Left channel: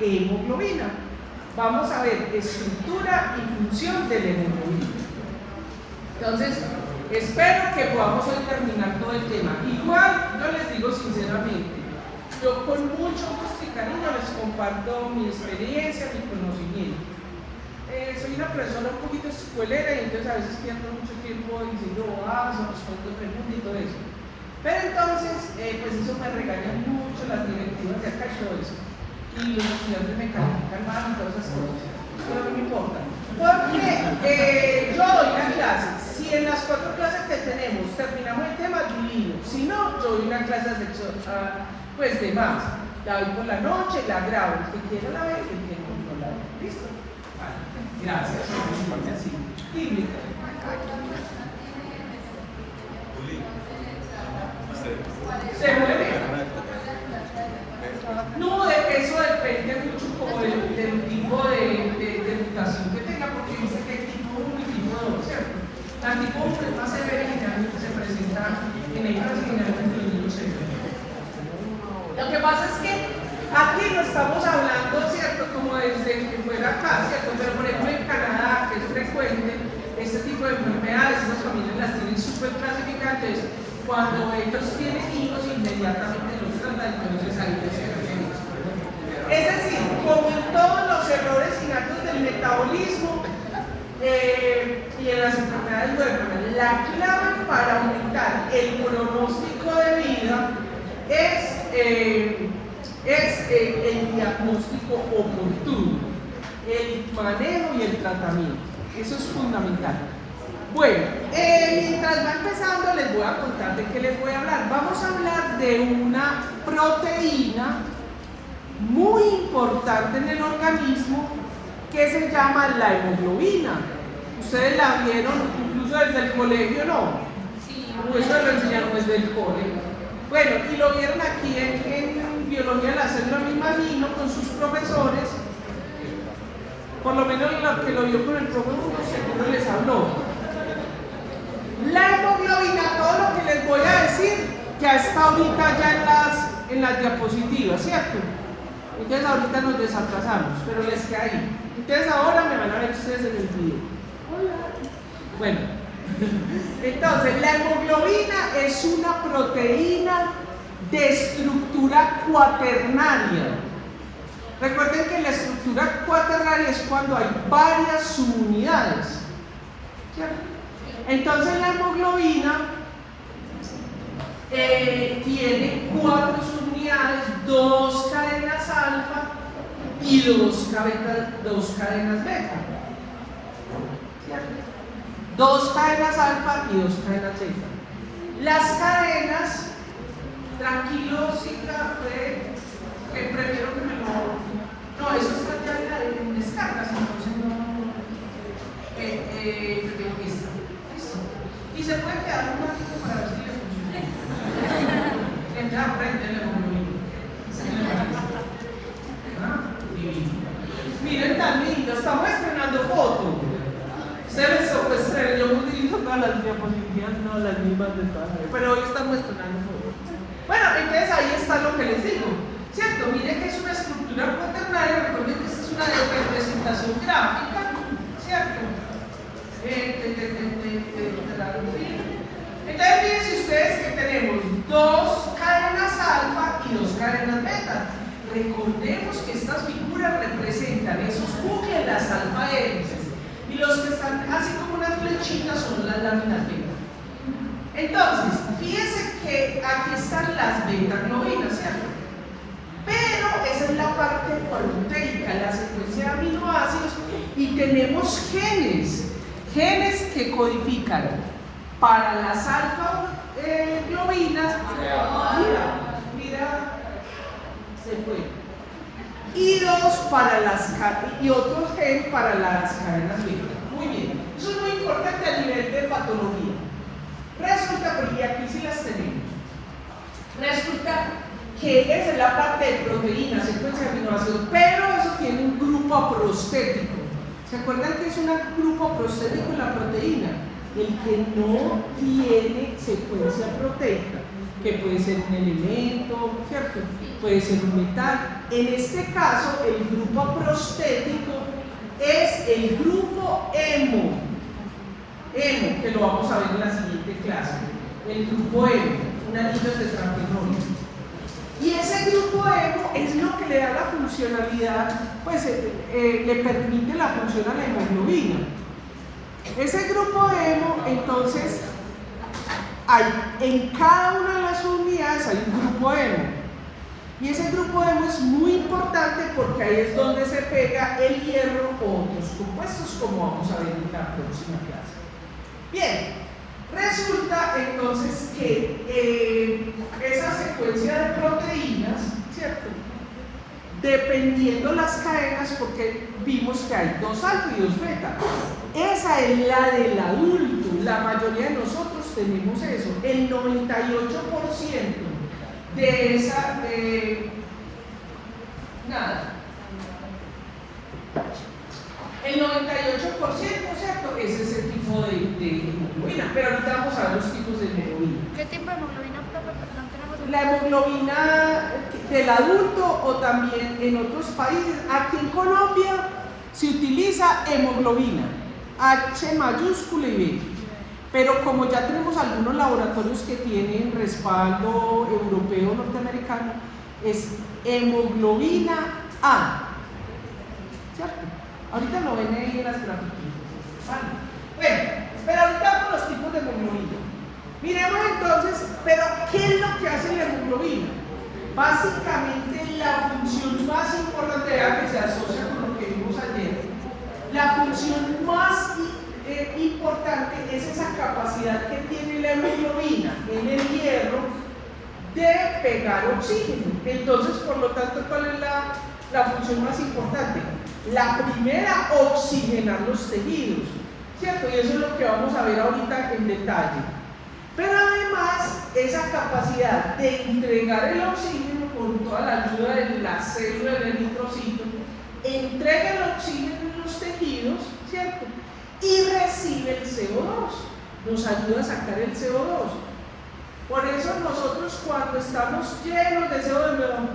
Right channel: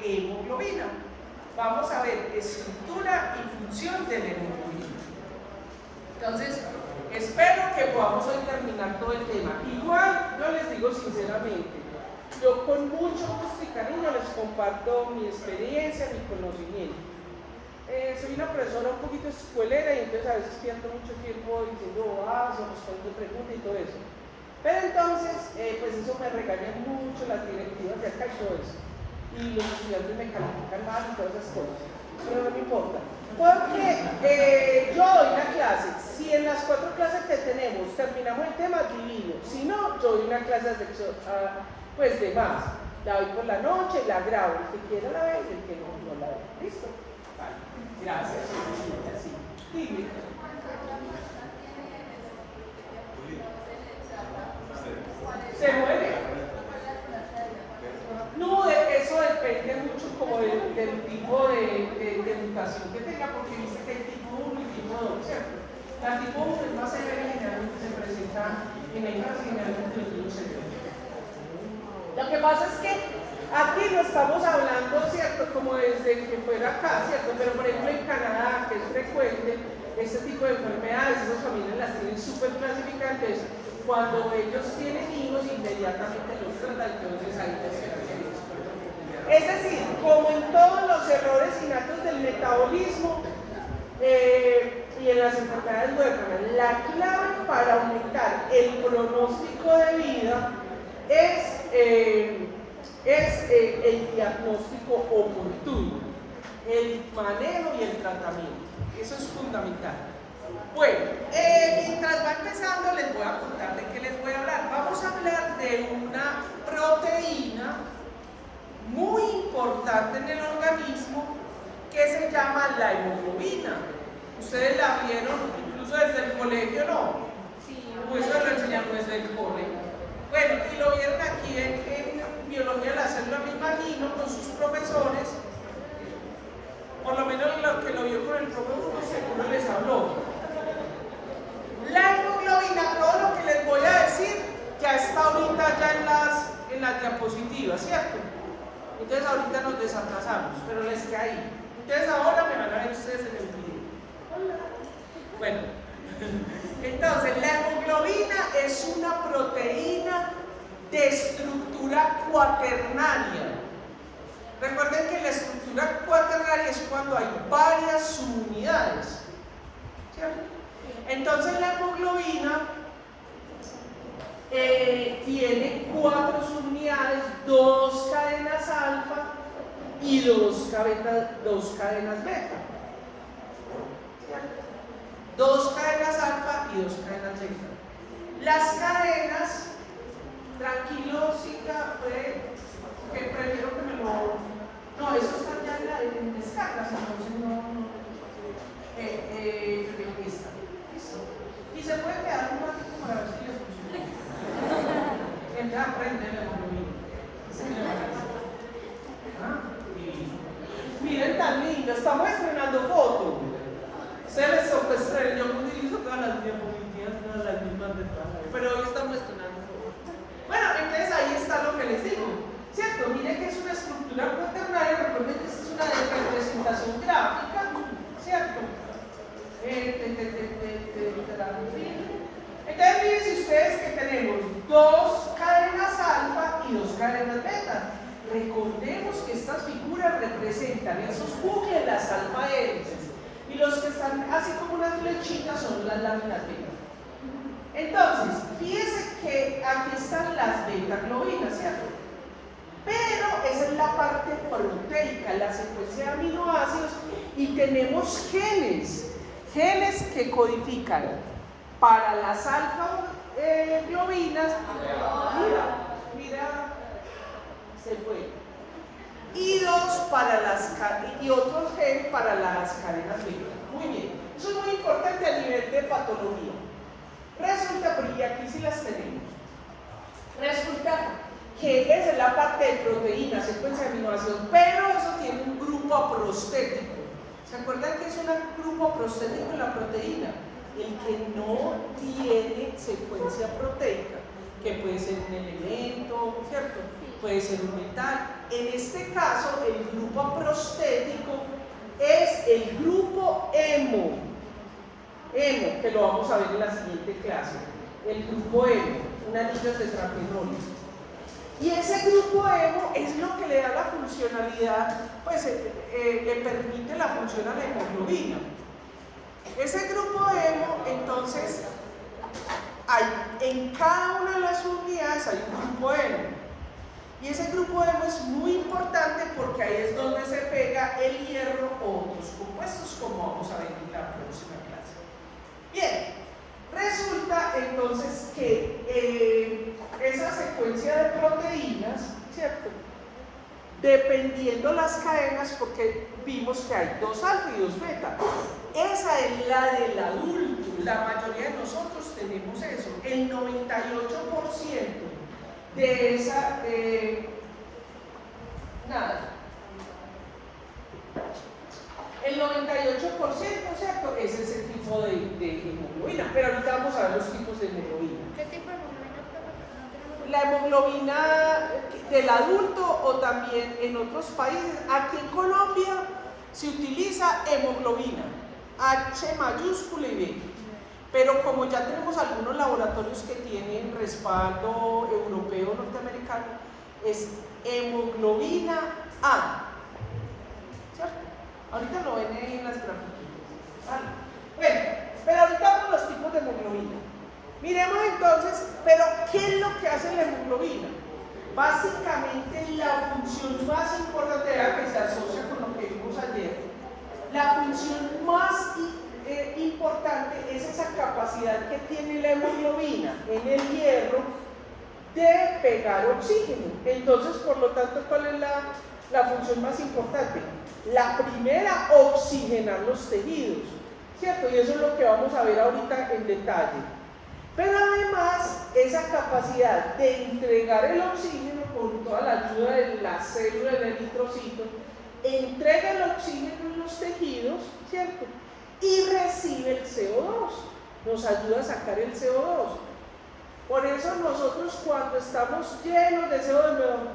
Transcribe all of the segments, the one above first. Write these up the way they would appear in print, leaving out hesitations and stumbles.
hemoglobina. Vamos a ver estructura y función de la hemoglobina. Entonces, espero que podamos hoy terminar todo el tema. Igual, yo les digo sinceramente, yo con mucho gusto y cariño les comparto mi experiencia, mi conocimiento. Soy una persona un poquito escuelera y entonces a veces pierdo mucho tiempo diciendo respondiendo preguntas y todo eso. Pero entonces, pues eso me regañan mucho las directivas de acá y todo eso. Y los estudiantes me califican mal y todas esas cosas. Pero no me importa. Porque yo doy la clase. Si en las 4 clases que tenemos terminamos el tema, divino. Si no, yo doy una clase de pues de más. La doy por la noche, la grabo. El que quiera la ve, el que quiera la ve. ¿Listo? Gracias. Dime. Se mueve. No, de peso depende mucho como del tipo de educación que tenga, porque dice que hay tipo 1 y tipo 2, ¿cierto? La tipo 1 es más severa y generalmente se presenta en el caso generalmente de los niños severos. Lo que pasa es que aquí no estamos hablando, ¿cierto? Como desde que fuera acá, ¿cierto? Pero por ejemplo en Canadá, que es frecuente, este tipo de enfermedades, esas familias las tienen súper clasificantes. Cuando ellos tienen hijos, inmediatamente los tratan, entonces ahí les tenemos. Es decir, como en todos los errores innatos del metabolismo y en las enfermedades huérfanas, la clave para aumentar el pronóstico de vida es el diagnóstico oportuno, el manejo y el tratamiento. Eso es fundamental. Bueno, mientras va empezando les voy a contar de qué les voy a hablar. Vamos a hablar de una proteína muy importante en el organismo que se llama la hemoglobina. Ustedes la vieron incluso desde el colegio, ¿no? Sí. O eso lo enseñaron desde el colegio. Bueno, y lo vieron aquí en biología de la célula, me imagino, con sus profesores. Por lo menos lo que lo vio con el profe Hugo seguro les habló. La hemoglobina, todo lo que les voy a decir, ya está ahorita ya en las diapositivas, ¿cierto? Entonces ahorita nos desatrasamos, pero les queda ahí. Entonces ahora me van a ver ustedes en el video. Hola. Bueno, entonces la hemoglobina es una proteína de estructura cuaternaria. Recuerden que la estructura cuaternaria es cuando hay varias subunidades, ¿cierto? Entonces la hemoglobina tiene 4 subunidades, 2 cadenas alfa y 2 cadenas beta. ¿Cierto? 2 cadenas alfa y 2 cadenas beta. Las cadenas, tranquilos y café, que prefiero que me lo... No, eso está ya en descargas, entonces no... Y se puede quedar un ratito para ver si les funciona. Entra frente a la hemoglobina. Miren tan lindo, estamos estrenando fotos. Ustedes sorprenden, yo utilizo todas las diapositivas, no las mismas de todas, pero hoy estamos estrenando fotos. Bueno, entonces ahí está lo que les digo, ¿cierto? Miren que es una estructura cuaternaria, recuerden que esta es una representación gráfica, ¿cierto? Entonces fíjense ustedes que tenemos 2 cadenas alfa y 2 cadenas beta. Recordemos que estas figuras representan esos núcleos, las alfa hélices, y los que están así como unas flechitas son las láminas beta. Entonces, fíjense que aquí están las beta-globinas, ¿cierto? Pero esa es la parte proteica, la secuencia de aminoácidos, y tenemos genes que codifican para las alfa-globinas, mira, se fue, y 2 para las y otros gen para las cadenas beta. Muy bien, eso es muy importante a nivel de patología. Resulta, porque aquí sí las tenemos, resulta que es la parte de proteínas, secuencia de aminoácidos, pero eso tiene un grupo prostético. ¿Se acuerdan que es un grupo prostético en la proteína? el que no tiene secuencia proteica, que puede ser un elemento, ¿cierto? Puede ser un metal. En este caso, el grupo prostético es el grupo hemo, que lo vamos a ver en la siguiente clase. El grupo hemo, un anillo tetraplegónico. Y ese grupo hemo es lo que le da la funcionalidad, pues le permite la función a la hemoglobina. Ese grupo hemo, entonces, en cada una de las unidades hay un grupo hemo. Y ese grupo hemo es muy importante porque ahí es donde se pega el hierro o otros compuestos, como vamos a ver en la próxima clase. Bien, resulta entonces que esa secuencia de proteínas, ¿cierto? Dependiendo las cadenas, porque vimos que hay 2 alfa y 2 beta. Esa es la del adulto, la mayoría de nosotros tenemos eso. El 98% de esa, nada. El 98%, ¿cierto? Es ese tipo de hemoglobina, pero ahorita vamos a ver los tipos de hemoglobina. ¿Qué tipo de hemoglobina? La hemoglobina del adulto o también en otros países. Aquí en Colombia se utiliza hemoglobina, H mayúscula y B. Pero como ya tenemos algunos laboratorios que tienen respaldo europeo norteamericano, es hemoglobina A. ¿Cierto? Ahorita lo ven en las grafiquitas. ¿Vale? Bueno, pero ahorita vemos los tipos de hemoglobina. Miremos entonces, pero ¿qué es lo que hace la hemoglobina? Básicamente la función más importante, que se asocia con lo que vimos ayer, la función más importante es esa capacidad que tiene la hemoglobina en el hierro de pegar oxígeno. Entonces, por lo tanto, ¿cuál es la función más importante? La primera, oxigenar los tejidos, ¿cierto? Y eso es lo que vamos a ver ahorita en detalle. Pero además, esa capacidad de entregar el oxígeno con toda la ayuda de la célula del eritrocito, entrega el oxígeno en los tejidos, ¿cierto? Y recibe el CO2, nos ayuda a sacar el CO2. Por eso nosotros cuando estamos llenos de CO2,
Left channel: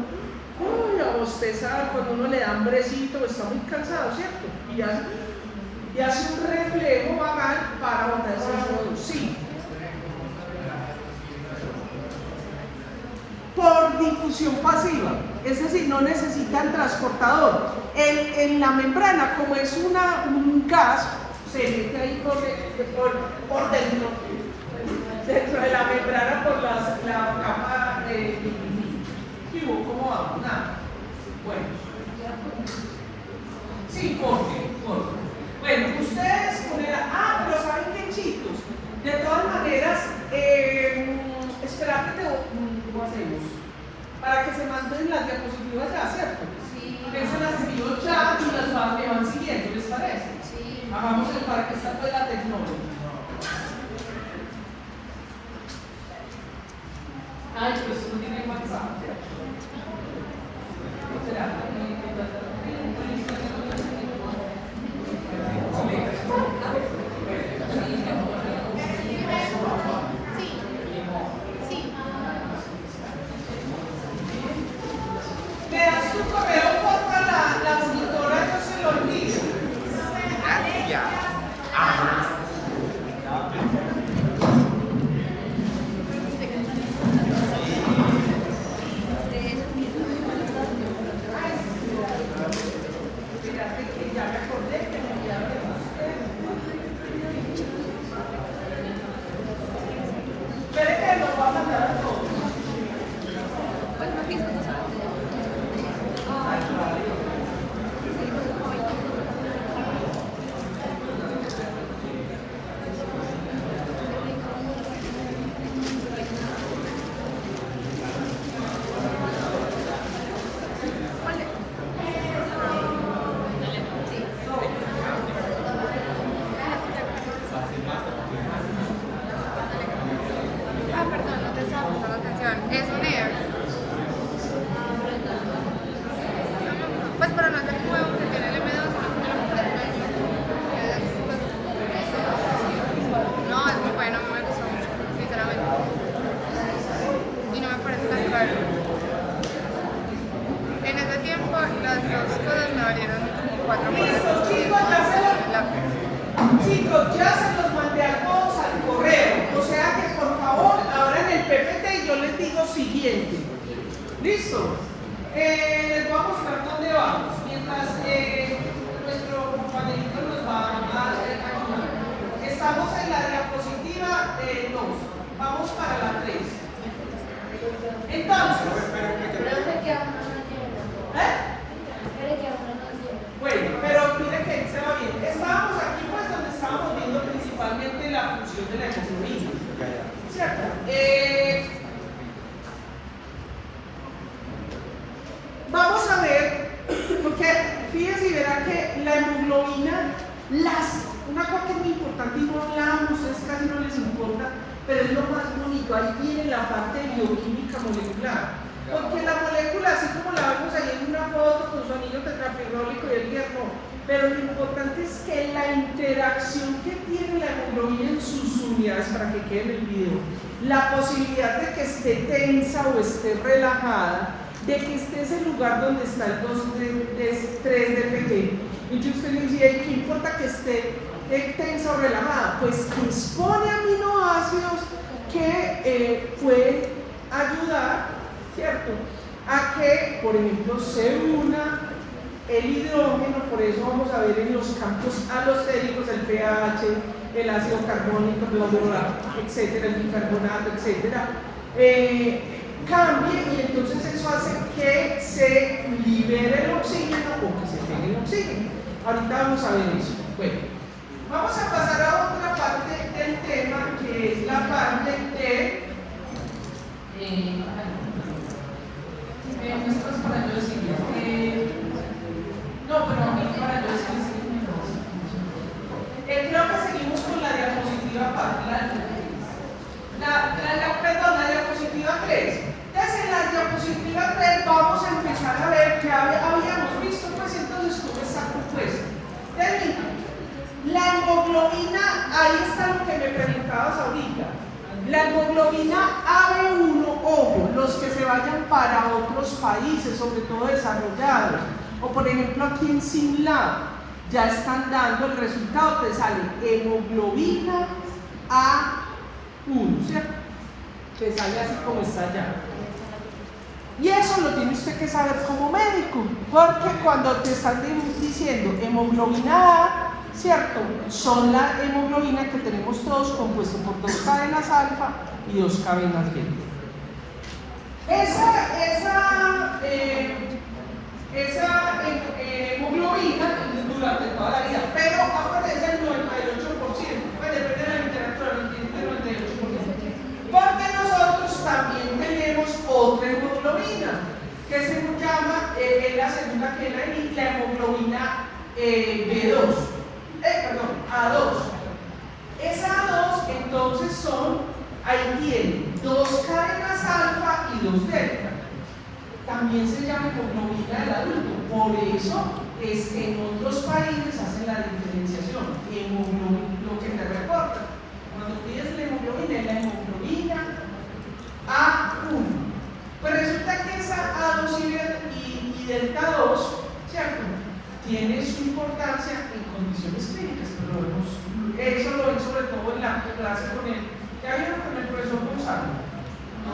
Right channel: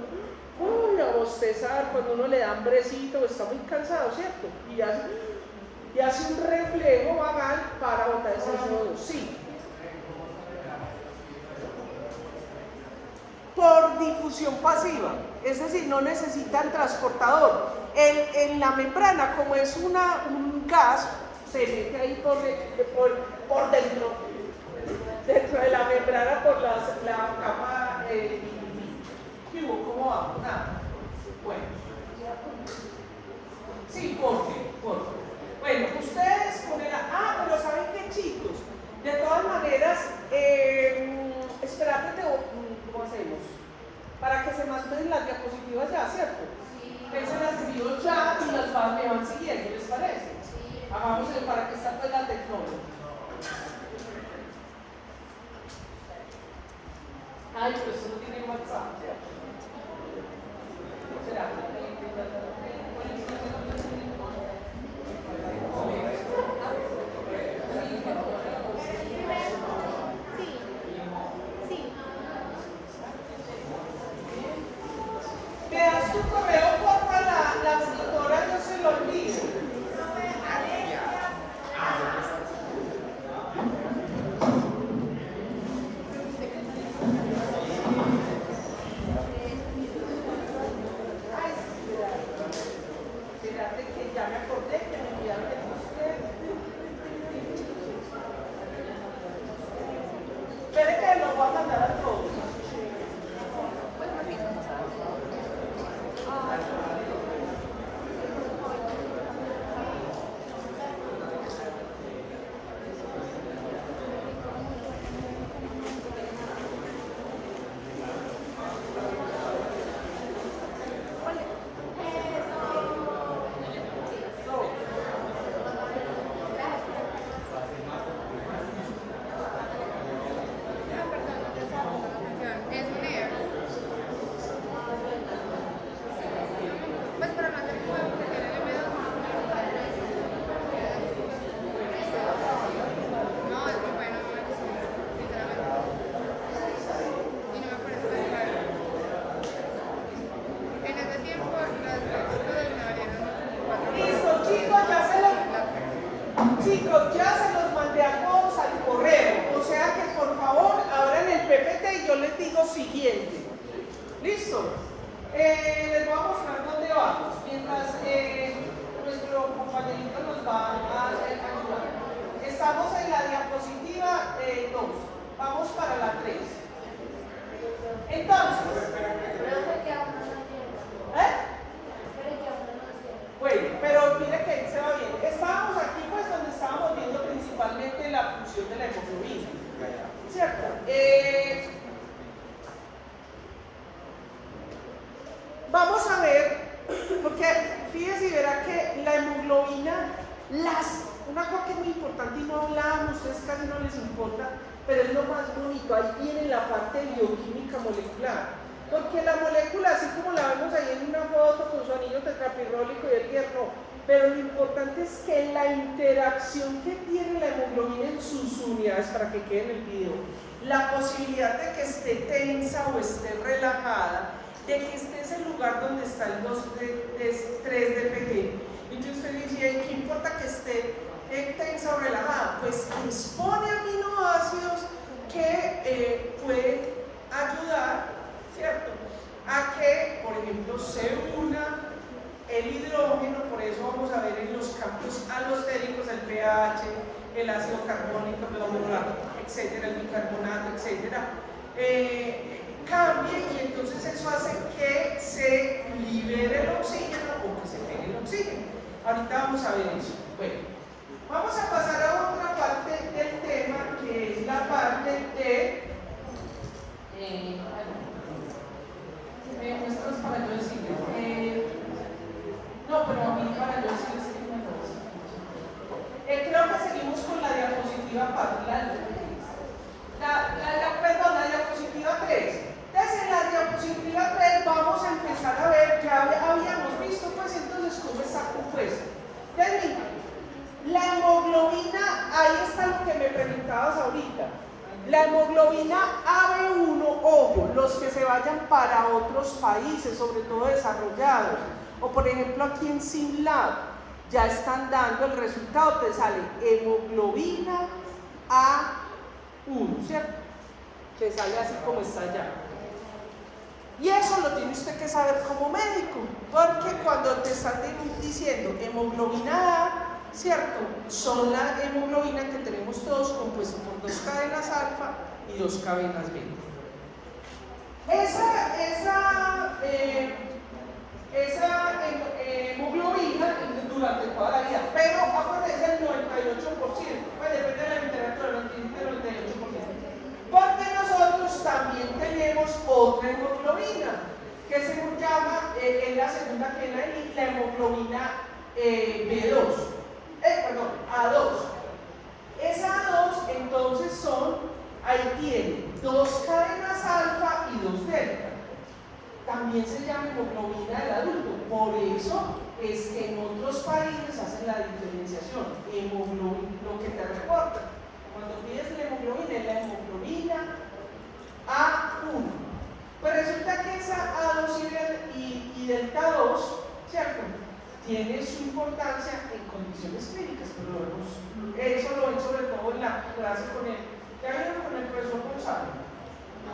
uy, a bostezar, cuando uno le da hambrecito, está muy cansado, ¿cierto? Y hace un reflejo vagal para botar ese CO2. Sí. Por difusión pasiva, es decir, no necesitan transportador. En la membrana, como es un gas, se mete ahí por dentro de la membrana por la capa de ¿cómo vamos? Nada. Bueno. Sí, porque. Bueno, ustedes ponerán. Pero ¿saben qué, chicos? De todas maneras, espérate, ¿cómo hacemos? Para que se manden las diapositivas ya, ¿cierto? Sí. Porque se las envío ya y las van siguiendo, ¿les parece? Sí. Hagamos el para que está toda la tecnología. Ay, pues no tiene WhatsApp, ¿cierto? Me das tu correo, porfa, la monitora, no se lo olvide. Pues para no hacer juego que tiene el M2, no, ¿Listo? Les voy a mostrar dónde vamos, mientras nuestro compañerito nos va a ayudar. Estamos en la diapositiva 2, vamos para la 3. Entonces, bueno, pero mire que se va bien. Estábamos aquí pues donde estábamos viendo principalmente la función de la hemoglobina, ¿cierto? Vamos a ver, porque fíjense y verán que la hemoglobina, una cosa que es muy importante y no hablamos, ustedes casi no les importa, pero es lo más bonito, ahí viene la parte bioquímica molecular. Porque la molécula, así como la vemos ahí en una foto con su anillo tetrapirrólico y el hierro, pero lo importante es que la interacción que tiene la hemoglobina en sus unidades, para que quede en el video, la posibilidad de que esté tensa o esté relajada, de que esté en ese lugar donde está el 3-DPG. Entonces usted dice, ¿qué importa que esté tensa o relajada? Pues expone aminoácidos que pueden ayudar, ¿cierto?, a que, por ejemplo, se una el hidrógeno. Por eso vamos a ver en los campos alostéricos el pH, el ácido carbónico, etcétera, el bicarbonato, etcétera, cambie, y entonces eso hace que se libere el oxígeno o que se pegue el oxígeno. Ahorita vamos a ver eso. Bueno, vamos a pasar a otra parte del tema, que es la parte de muestras para yo decir no, pero para yo decir creo que seguimos con la diapositiva perdón, la diapositiva 3. Desde la diapositiva 3 vamos a empezar a ver, ya habíamos visto pues entonces cómo está compuesta. Termino. La hemoglobina, ahí está lo que me preguntabas ahorita. La hemoglobina AB1, ojo, los que se vayan para otros países, sobre todo desarrollados, o por ejemplo aquí en SimLab, ya están dando el resultado, te sale hemoglobina A1, ¿cierto? Te sale así como está allá. Y eso lo tiene usted que saber como médico, porque cuando te están diciendo hemoglobina A, ¿cierto?, son la hemoglobina que tenemos todos compuesto por 2 cadenas alfa y 2 cadenas beta. Esa hemoglobina durante toda la vida, pero aparece el 98%, depende de la literatura, el 98%. Porque nosotros también tenemos otra hemoglobina, que se llama, es la segunda que la hemoglobina B2. A2. Esa A2 entonces ahí tiene 2 cadenas alfa y 2 delta. También se llama hemoglobina del adulto. Por eso es que en otros países hacen la diferenciación. Lo que te reporta, cuando pides la hemoglobina, es la hemoglobina A1. Pues resulta que esa A2 y delta 2, ¿cierto?, tiene su importancia en condiciones clínicas, eso lo ven sobre todo en la clase con él. ¿Ya vieron con el profesor Gonzalo? No,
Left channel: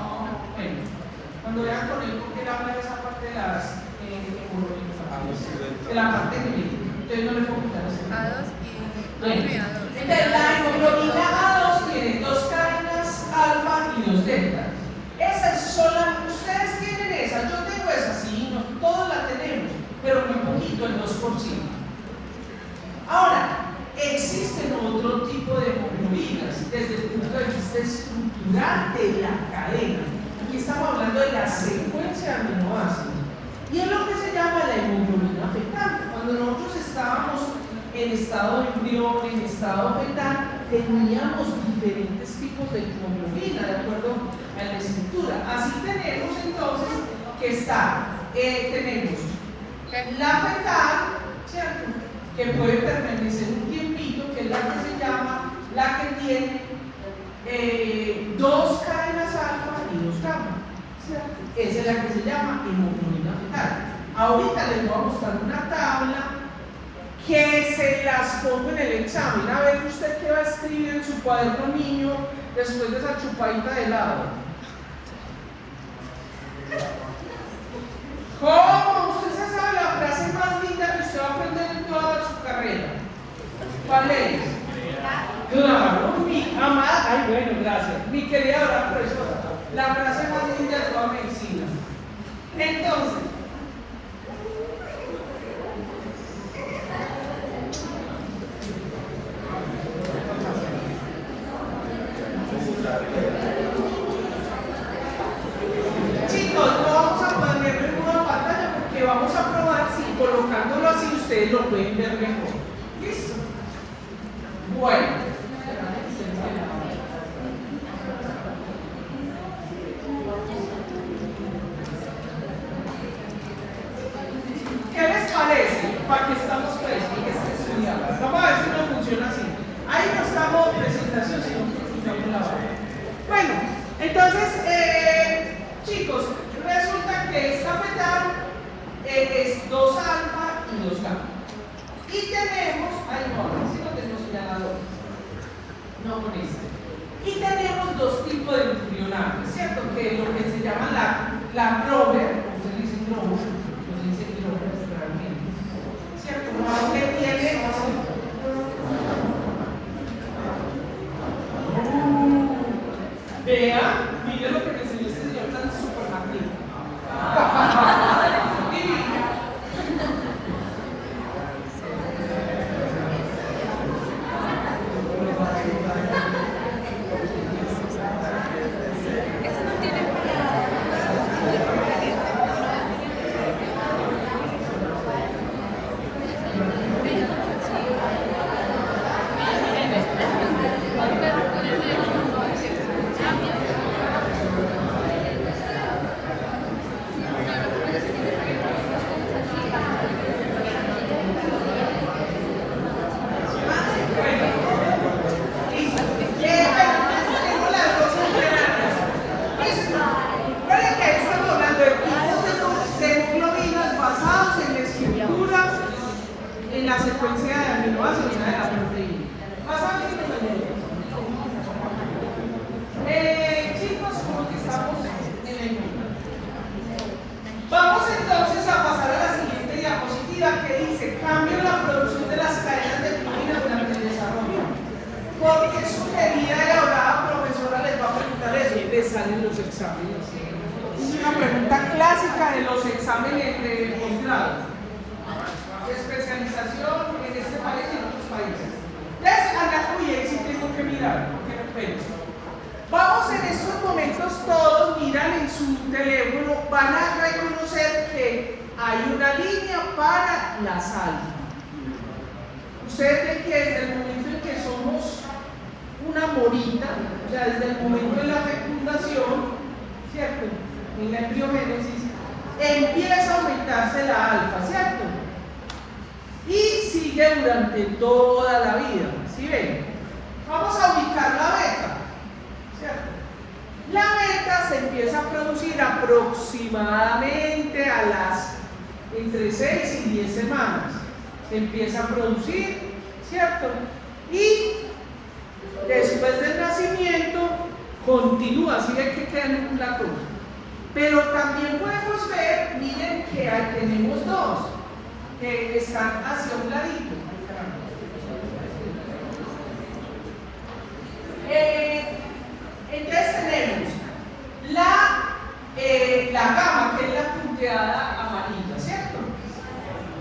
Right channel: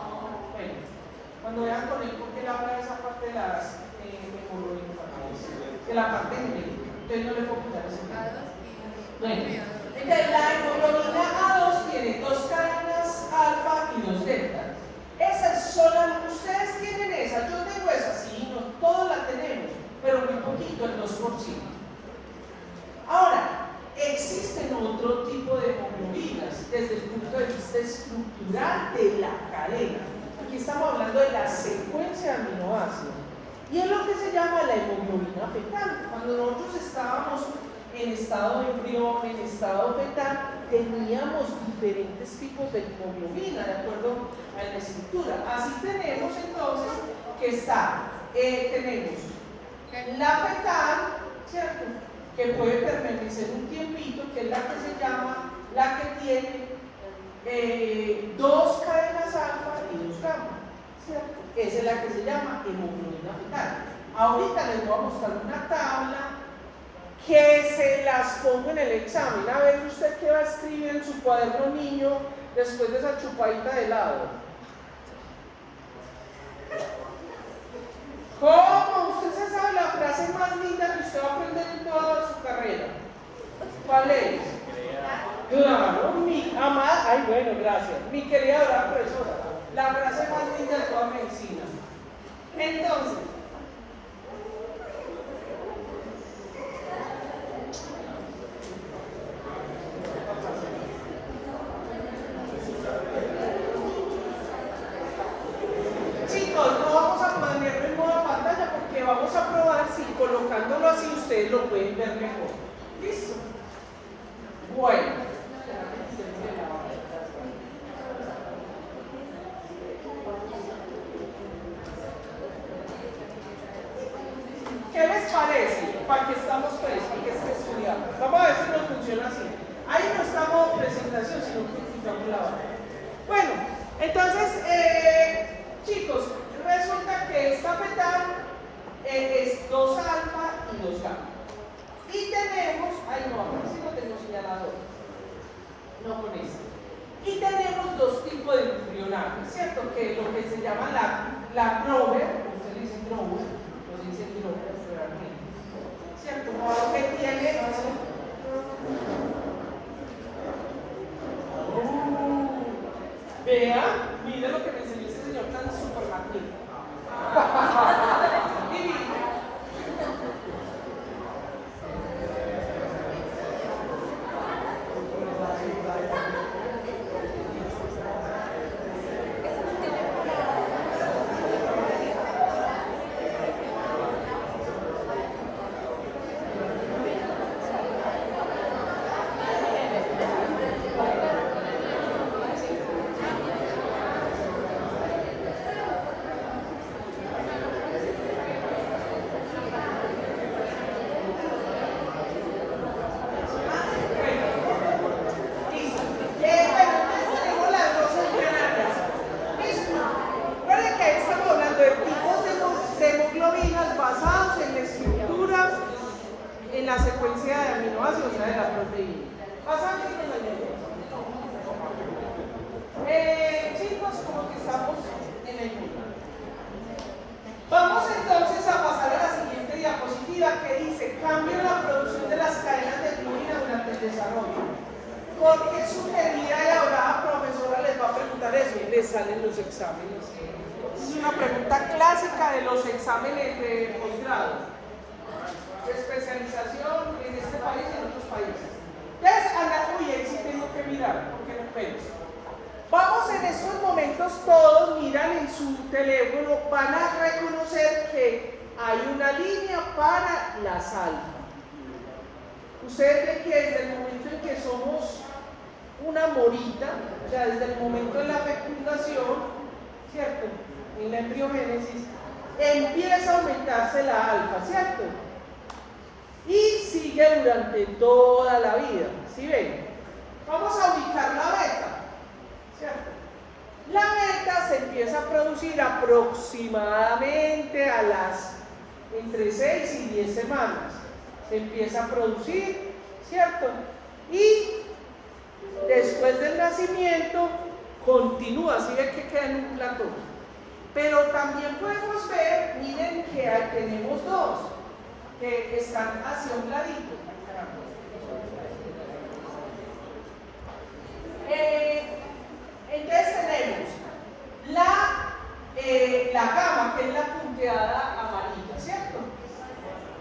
bueno, cuando vean con él, porque él habla de esa parte de las de la parte clínica, ustedes no le puedo quitar ese. Entonces, la hemoglobina A2 tiene 2 cadenas alfa y 2 delta. Esas son ustedes tienen esa, yo tengo esa, sí, todos la tenemos, pero muy poquito, el 2%. Ahora, existen otro tipo de hemoglobinas desde el punto de vista estructural de la cadena. Aquí estamos hablando de la secuencia de aminoácidos. Y es lo que se llama la hemoglobina fetal. Cuando nosotros estábamos en estado de embrión, en estado fetal, teníamos diferentes tipos de hemoglobina, de acuerdo a la estructura. Así tenemos entonces que tenemos la fetal, ¿cierto?, que puede permanecer un tiempito, que es la que se llama, la que tiene 2 cadenas alfa y 2 gamma, ¿cierto? Esa es la que se llama hemoglobina fetal. Ahorita les voy a mostrar una tabla que se las pongo en el examen. A ver usted qué va a escribir en su cuaderno, niño, después de esa chupadita de helado. ¿Cuál es? Claro, mi amada, ay bueno, gracias. Mi querida profesora, la frase más linda de toda medicina. Entonces, chicos, no vamos a ponerlo en modo pantalla porque vamos a probar si colocándolo así ustedes lo pueden ver mejor. ¿Listo? Bueno. ¿Qué les parece? ¿Para qué estamos estudiando? Vamos a ver si nos funciona así. Ahí no estamos en presentación, sino que estamos en la hora. Bueno, entonces, chicos, resulta que esta metal es 2 alfa y 2 gamma. Y tenemos, ay no, así lo tengo señalado. No con este. Y tenemos 2 tipos de nucleonadas, ¿cierto? Que lo que se llama la Prober, se dice Prober, se dice Prober realmente, ¿cierto? No, que tiene. Vea, mire lo que me enseñó este señor tan supermativo. En la secuencia de aminoácidos de la proteína. Chicos, como que estamos en el mundo. Vamos entonces a pasar a la siguiente diapositiva que dice cambio en la producción de las cadenas de proteína durante el desarrollo. Porque su querida y adorada profesora les va a preguntar eso y les salen los exámenes. Es una pregunta clásica de los exámenes de posgrado. Especialización en este país y en otros países. Uy, ahí sí tengo que mirar, porque no pego. Vamos en estos momentos todos, miran en su teléfono, van a reconocer que hay una línea para la sal. Ustedes ven que desde el momento en que somos una morita, o sea, desde el momento de la fecundación, ¿cierto? En la embriogénesis, empieza a aumentarse la alfa, ¿cierto? Y sigue durante toda la vida, ¿sí ven? Vamos a ubicar la beta, ¿cierto? La beta se empieza a producir aproximadamente a las entre 6 y 10 semanas. Se empieza a producir, ¿cierto? Y después del nacimiento continúa, ¿sí ven que queda en la cruz? Pero también podemos ver, miren que ahí tenemos 2. Que están hacia un ladito. Entonces tenemos la gama, que es la punteada amarilla, ¿cierto?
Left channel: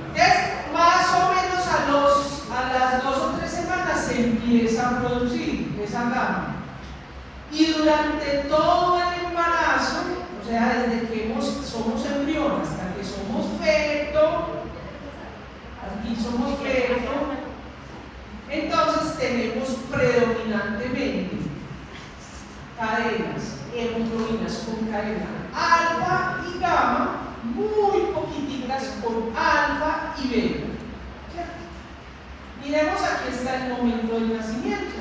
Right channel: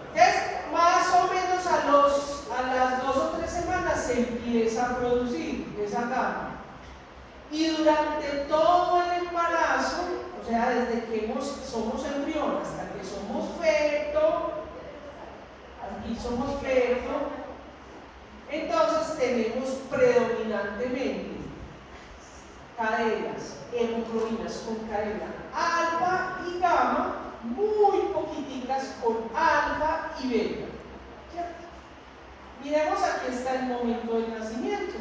Entonces, más o menos a las 2 o 3 semanas se empieza a producir esa gama. Y durante todo el embarazo, o sea, desde que somos embrión hasta que somos feto, aquí somos feto, entonces tenemos predominantemente cadenas, hemoglobinas con cadena alfa y gamma, muy poquititas con alfa y beta. Miremos, aquí está el momento del nacimiento.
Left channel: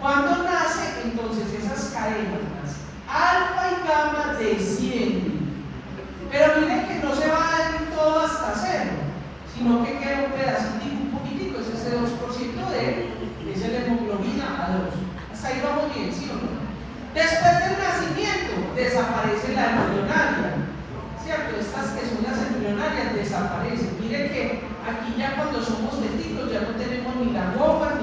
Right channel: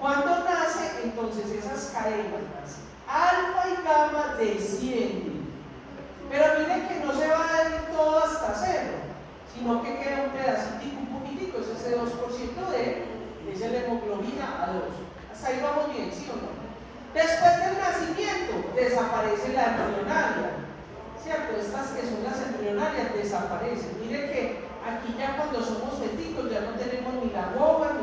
Cuando nace, entonces esas cadenas alfa y gamma descienden. Pero miren que no se va a dar todo hasta 0, sino que queda un pedacito, un poquitico, ese es el 2% es la hemoglobina A2. Hasta ahí vamos bien, ¿sí o no? Después del nacimiento desaparece la embrionaria, ¿cierto? Estas que son las embrionarias desaparecen. Miren que aquí ya cuando somos fetitos ya no tenemos ni la boca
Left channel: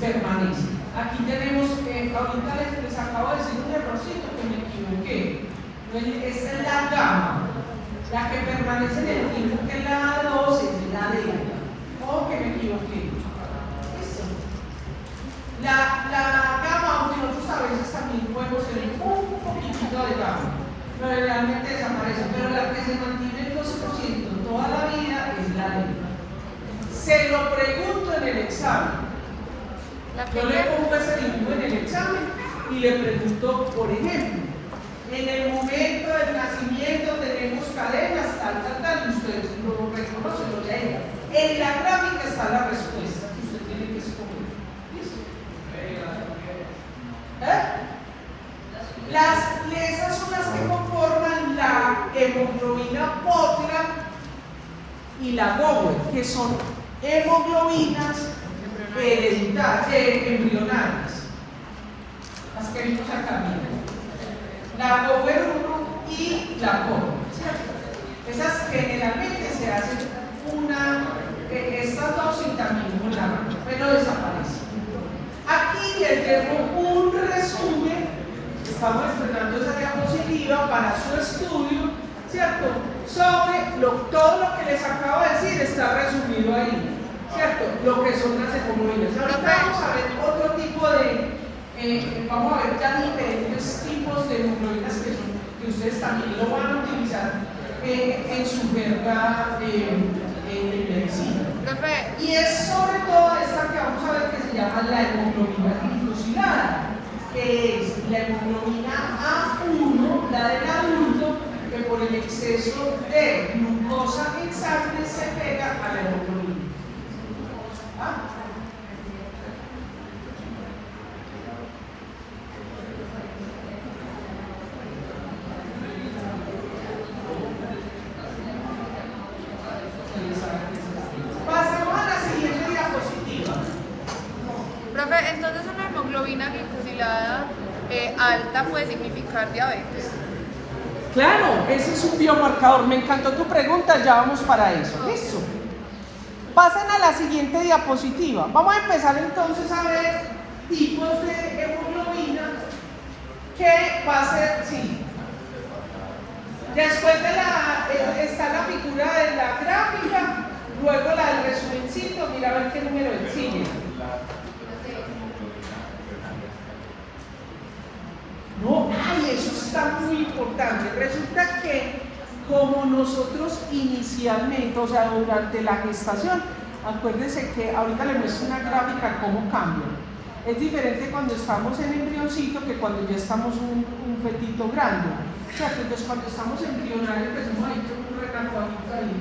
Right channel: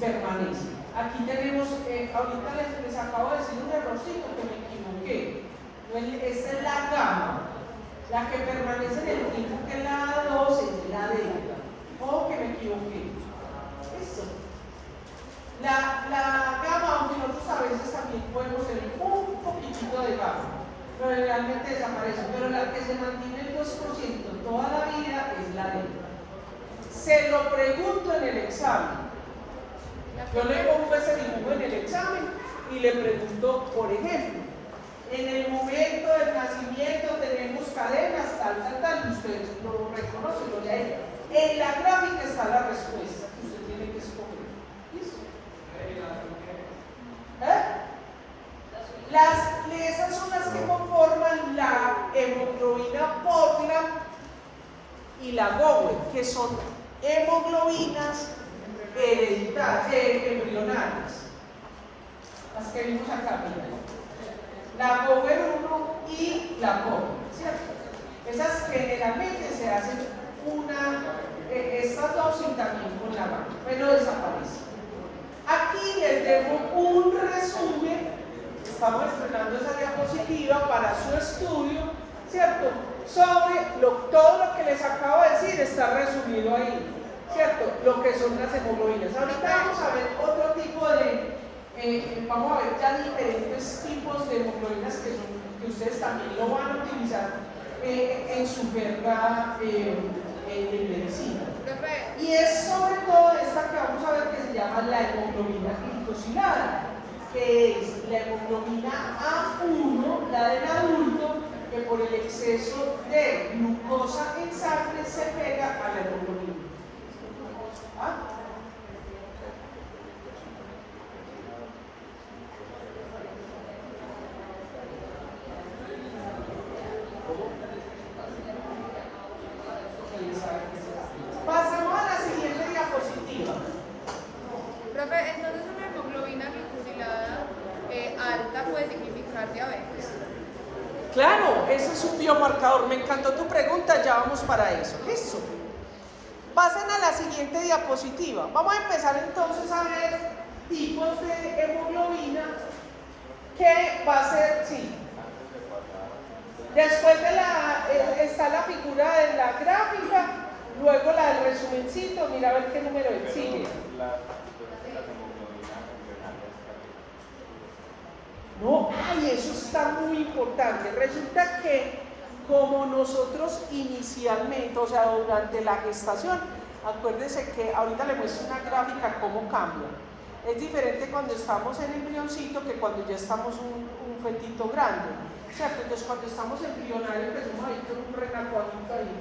permanece. Aquí tenemos, ahorita les acabo de decir un errorcito que me equivoqué. Esta es la gamma, la que permanece en el tiempo, que es la 2, es la delta. O que me equivoqué. Eso. La gamma, aunque nosotros a veces también podemos tener un poquitito de gamma, pero realmente desaparece, pero la que se mantiene el 12% toda la vida es la delta. Se lo pregunto en el examen. Yo le pongo ese dibujo en el examen y le pregunto, por ejemplo, en el momento del nacimiento tenemos cadenas, tal, y usted lo reconoce, lo lee. En la gráfica está la respuesta que usted tiene que escoger. ¿Listo? Esas son las que conforman la hemoglobina potra y la Gower, que son hemoglobinas embrionarias. Las que vimos acá, miren. La Gower 1 y la Gower. Esas generalmente se hacen estas dos y también una, pero desaparecen. Aquí les dejo un resumen. Estamos estrenando esa diapositiva para su estudio, ¿cierto? Sobre todo lo que les acabo de decir está resumido ahí, ¿cierto? Lo que son las hemoglobinas. Ahorita vamos a ver otro tipo de, vamos a ver ya diferentes tipos de hemoglobinas que ustedes también lo van a utilizar en su verga en medicina. Y es sobre todo esta que vamos a ver que se llama la hemoglobina glucosilada, que es la hemoglobina A1, la del adulto, que por el exceso de glucosa en sangre se pega a la hemoglobina. ¿Ah? Pasamos a la siguiente diapositiva. Profe, entonces una hemoglobina glicosilada alta puede significar diabetes. Claro, ese es un biomarcador. Me encantó tu pregunta, ya vamos para eso. Listo. Pasan a la siguiente diapositiva. Vamos a empezar entonces a ver tipos de hemoglobina que va a ser, sí. Después está la figura de la gráfica, luego la del resumencito, mira a ver qué número sigue. No, ay, eso está muy importante. Resulta que como nosotros inicialmente, o sea, durante la gestación, acuérdense que ahorita le muestro una gráfica cómo cambia. Es diferente cuando estamos en embrioncito que cuando ya estamos un fetito grande. ¿Cierto? Entonces cuando estamos embrionarios, pues un renacuajito ahí.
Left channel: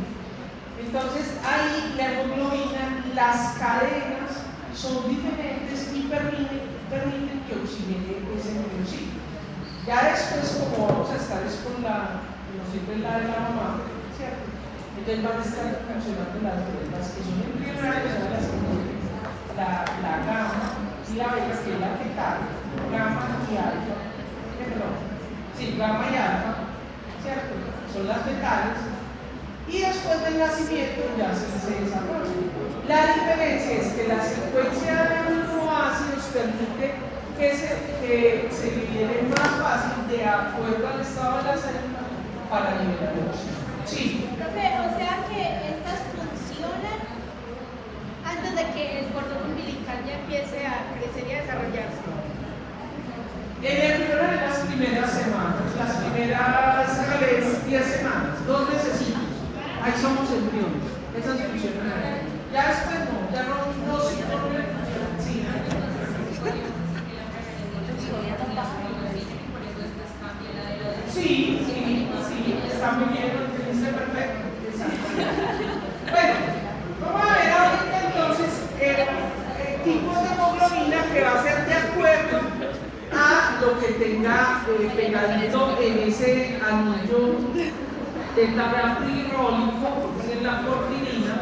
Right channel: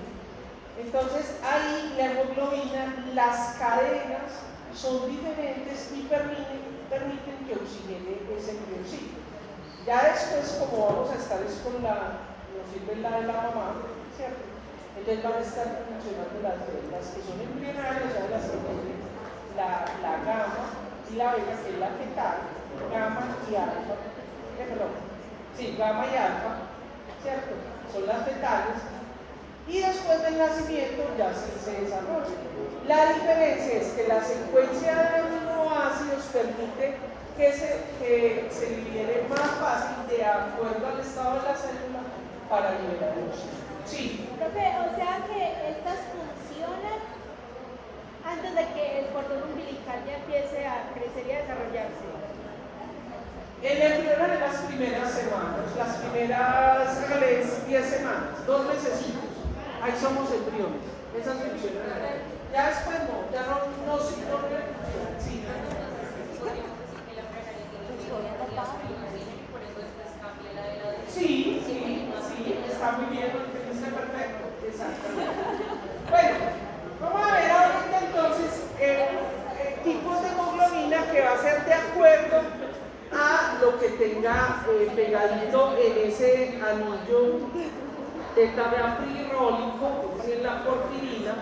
Entonces ahí la hemoglobina, las cadenas son diferentes y permiten que oxigene ese embrioncito. Ya después, como vamos a estar con como siempre la de la mamá, ¿cierto? Ellas van a estar funcionando las que son embrionarias, son las que tienen la gamma y la beta, que es la fetal, gamma y alfa. Sí, gamma y alfa, ¿cierto? Son las fetales. Y después del nacimiento ya se desarrolla. La diferencia es que la secuencia de aminoácidos permite que se libere más fácil de acuerdo al estado de la célula para liberar oxígeno. Sí. O sea que estas funcionan antes de que el cordón umbilical ya empiece a crecer y a desarrollarse. En el embrión en las primeras semanas, las primeras 10 semanas, 2 mesecitos, ahí somos embriones, esas funcionan. Ya después no, ya no sí. Sí, está muy bien, lo entendiste perfecto. Bueno, vamos a ver ahorita entonces tipos de hemoglobina que va a ser de acuerdo a lo que tenga pegadito en ese anillo del tablero pirrólico, en la porfirina,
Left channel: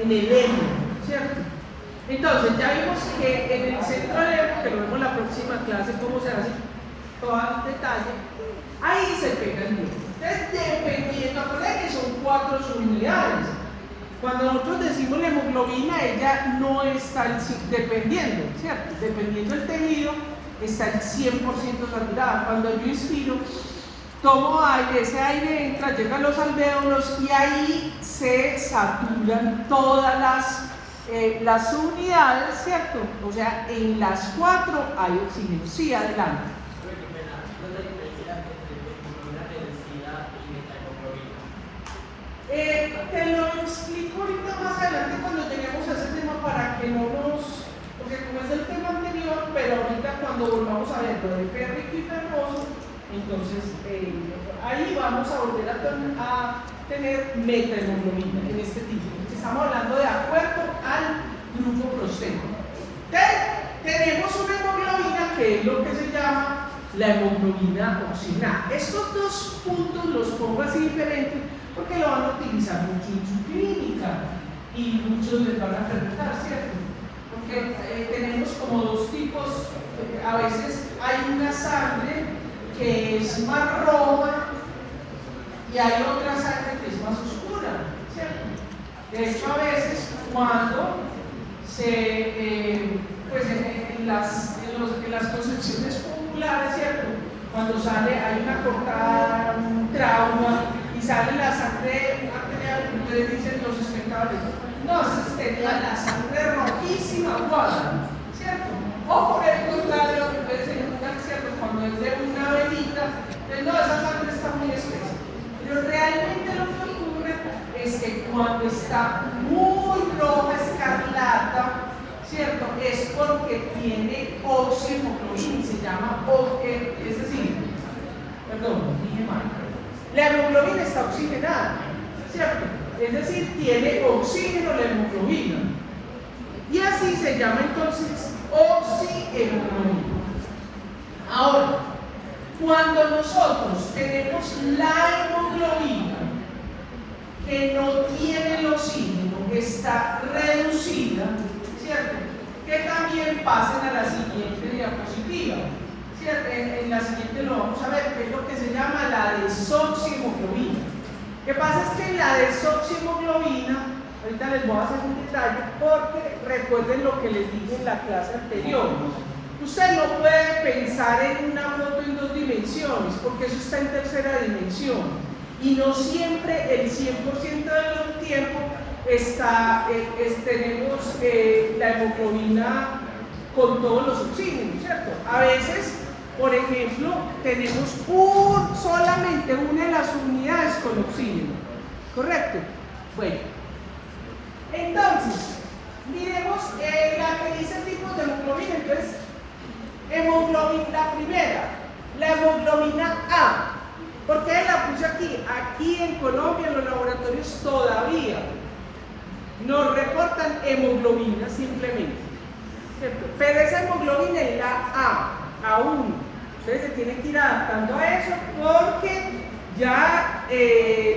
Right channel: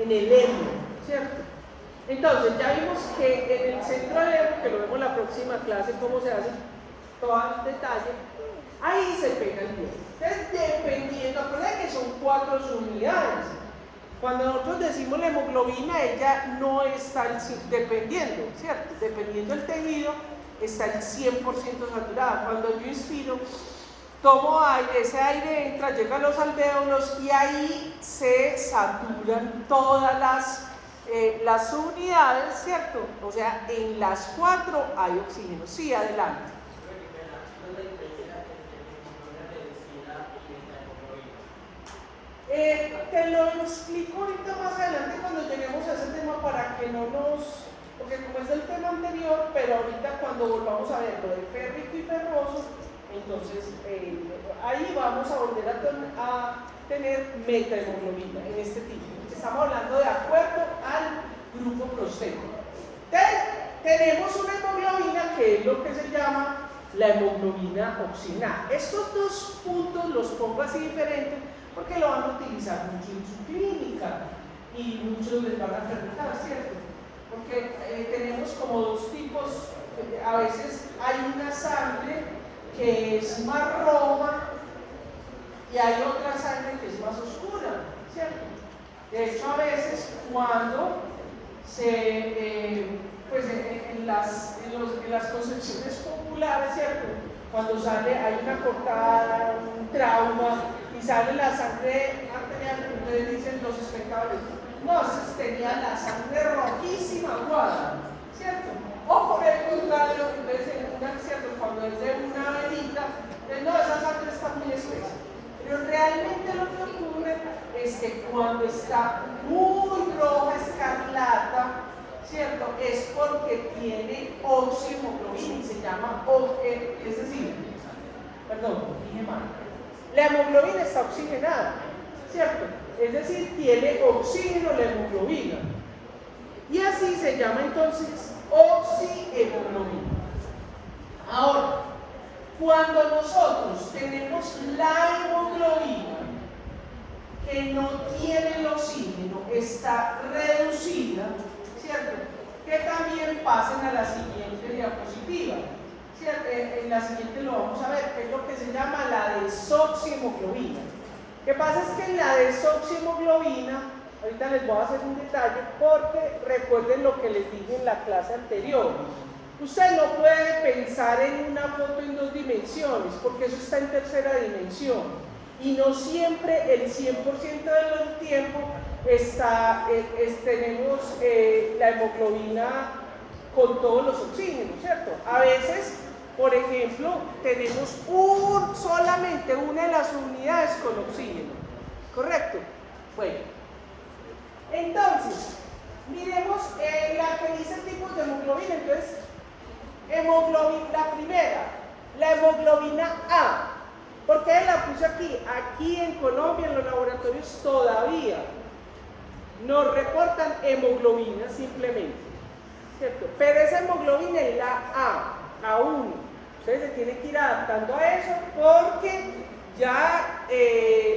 en el hemo, ¿cierto? Entonces, ya vimos que en el centro del hemo, que lo vemos en la próxima clase, cómo se hace todo el detalle, ahí se pega el núcleo. Entonces, dependiendo, acuérdense que son 4 subunidades. Cuando nosotros decimos la hemoglobina, ella no está dependiendo, ¿cierto? Dependiendo del tejido, está el 100% saturada. Cuando yo inspiro, tomo aire, ese aire entra, llega a los alvéolos y ahí se saturan todas las unidades, ¿cierto? O sea, en las 4 hay oxígeno. Sí, adelante. Te lo explico ahorita más adelante cuando lleguemos a ese tema para que no nos... Porque como es el tema anterior, pero ahorita cuando volvamos a ver lo de férrico y ferroso, entonces ahí vamos a volver a tener metahemoglobina en este tipo. Estamos hablando de acuerdo al grupo prostético. Tenemos una hemoglobina que es lo que se llama la hemoglobina oxigenada. Estos dos puntos los pongo así diferentes porque lo van a utilizar mucho en su clínica y muchos les van a preguntar, ¿cierto? Porque tenemos como dos tipos, a veces hay una sangre que es más roja y hay otra sangre que es más oscura, ¿cierto? De hecho, a veces cuando pues en las concepciones populares, ¿cierto? Cuando sale, hay una cortada, un trauma, y sale la sangre arterial, ustedes dicen los espectadores, no, tenía la sangre rojísima, guada, ¿cierto? O por el contrario, ustedes se preguntan, ¿cierto? Cuando es de una venita, no, esa sangre está muy espesa. Pero realmente lo que ocurre es que cuando está muy roja, escarlata, ¿cierto? Es porque tiene oxihemoglobina, se llama es decir, perdón, dije mal. La hemoglobina está oxigenada, ¿cierto? Es decir, tiene oxígeno la hemoglobina. Y así se llama entonces oxihemoglobina. Ahora, cuando nosotros tenemos la hemoglobina que no tiene el oxígeno, que está reducida, ¿cierto? Que también pasen a la siguiente diapositiva. ¿Cierto? En la siguiente lo vamos a ver, que es lo que se llama la desoxihemoglobina. Lo que pasa es que en la desoxihemoglobina, ahorita les voy a hacer un detalle, porque recuerden lo que les dije en la clase anterior. Usted no puede pensar en una foto en 2 dimensiones, porque eso está en tercera dimensión. Y no siempre, el 100% del tiempo, tenemos la hemoglobina con todos los oxígenos, ¿cierto? A veces, por ejemplo, tenemos solamente una de las unidades con oxígeno, ¿correcto? Bueno, entonces, miremos la que dice tipos de hemoglobina. Entonces, la primera, la hemoglobina A. ¿Por qué la puse aquí? Aquí en Colombia los laboratorios todavía nos reportan hemoglobina simplemente, ¿cierto? Pero esa hemoglobina es la A1. Ustedes se tienen que ir adaptando a eso porque ya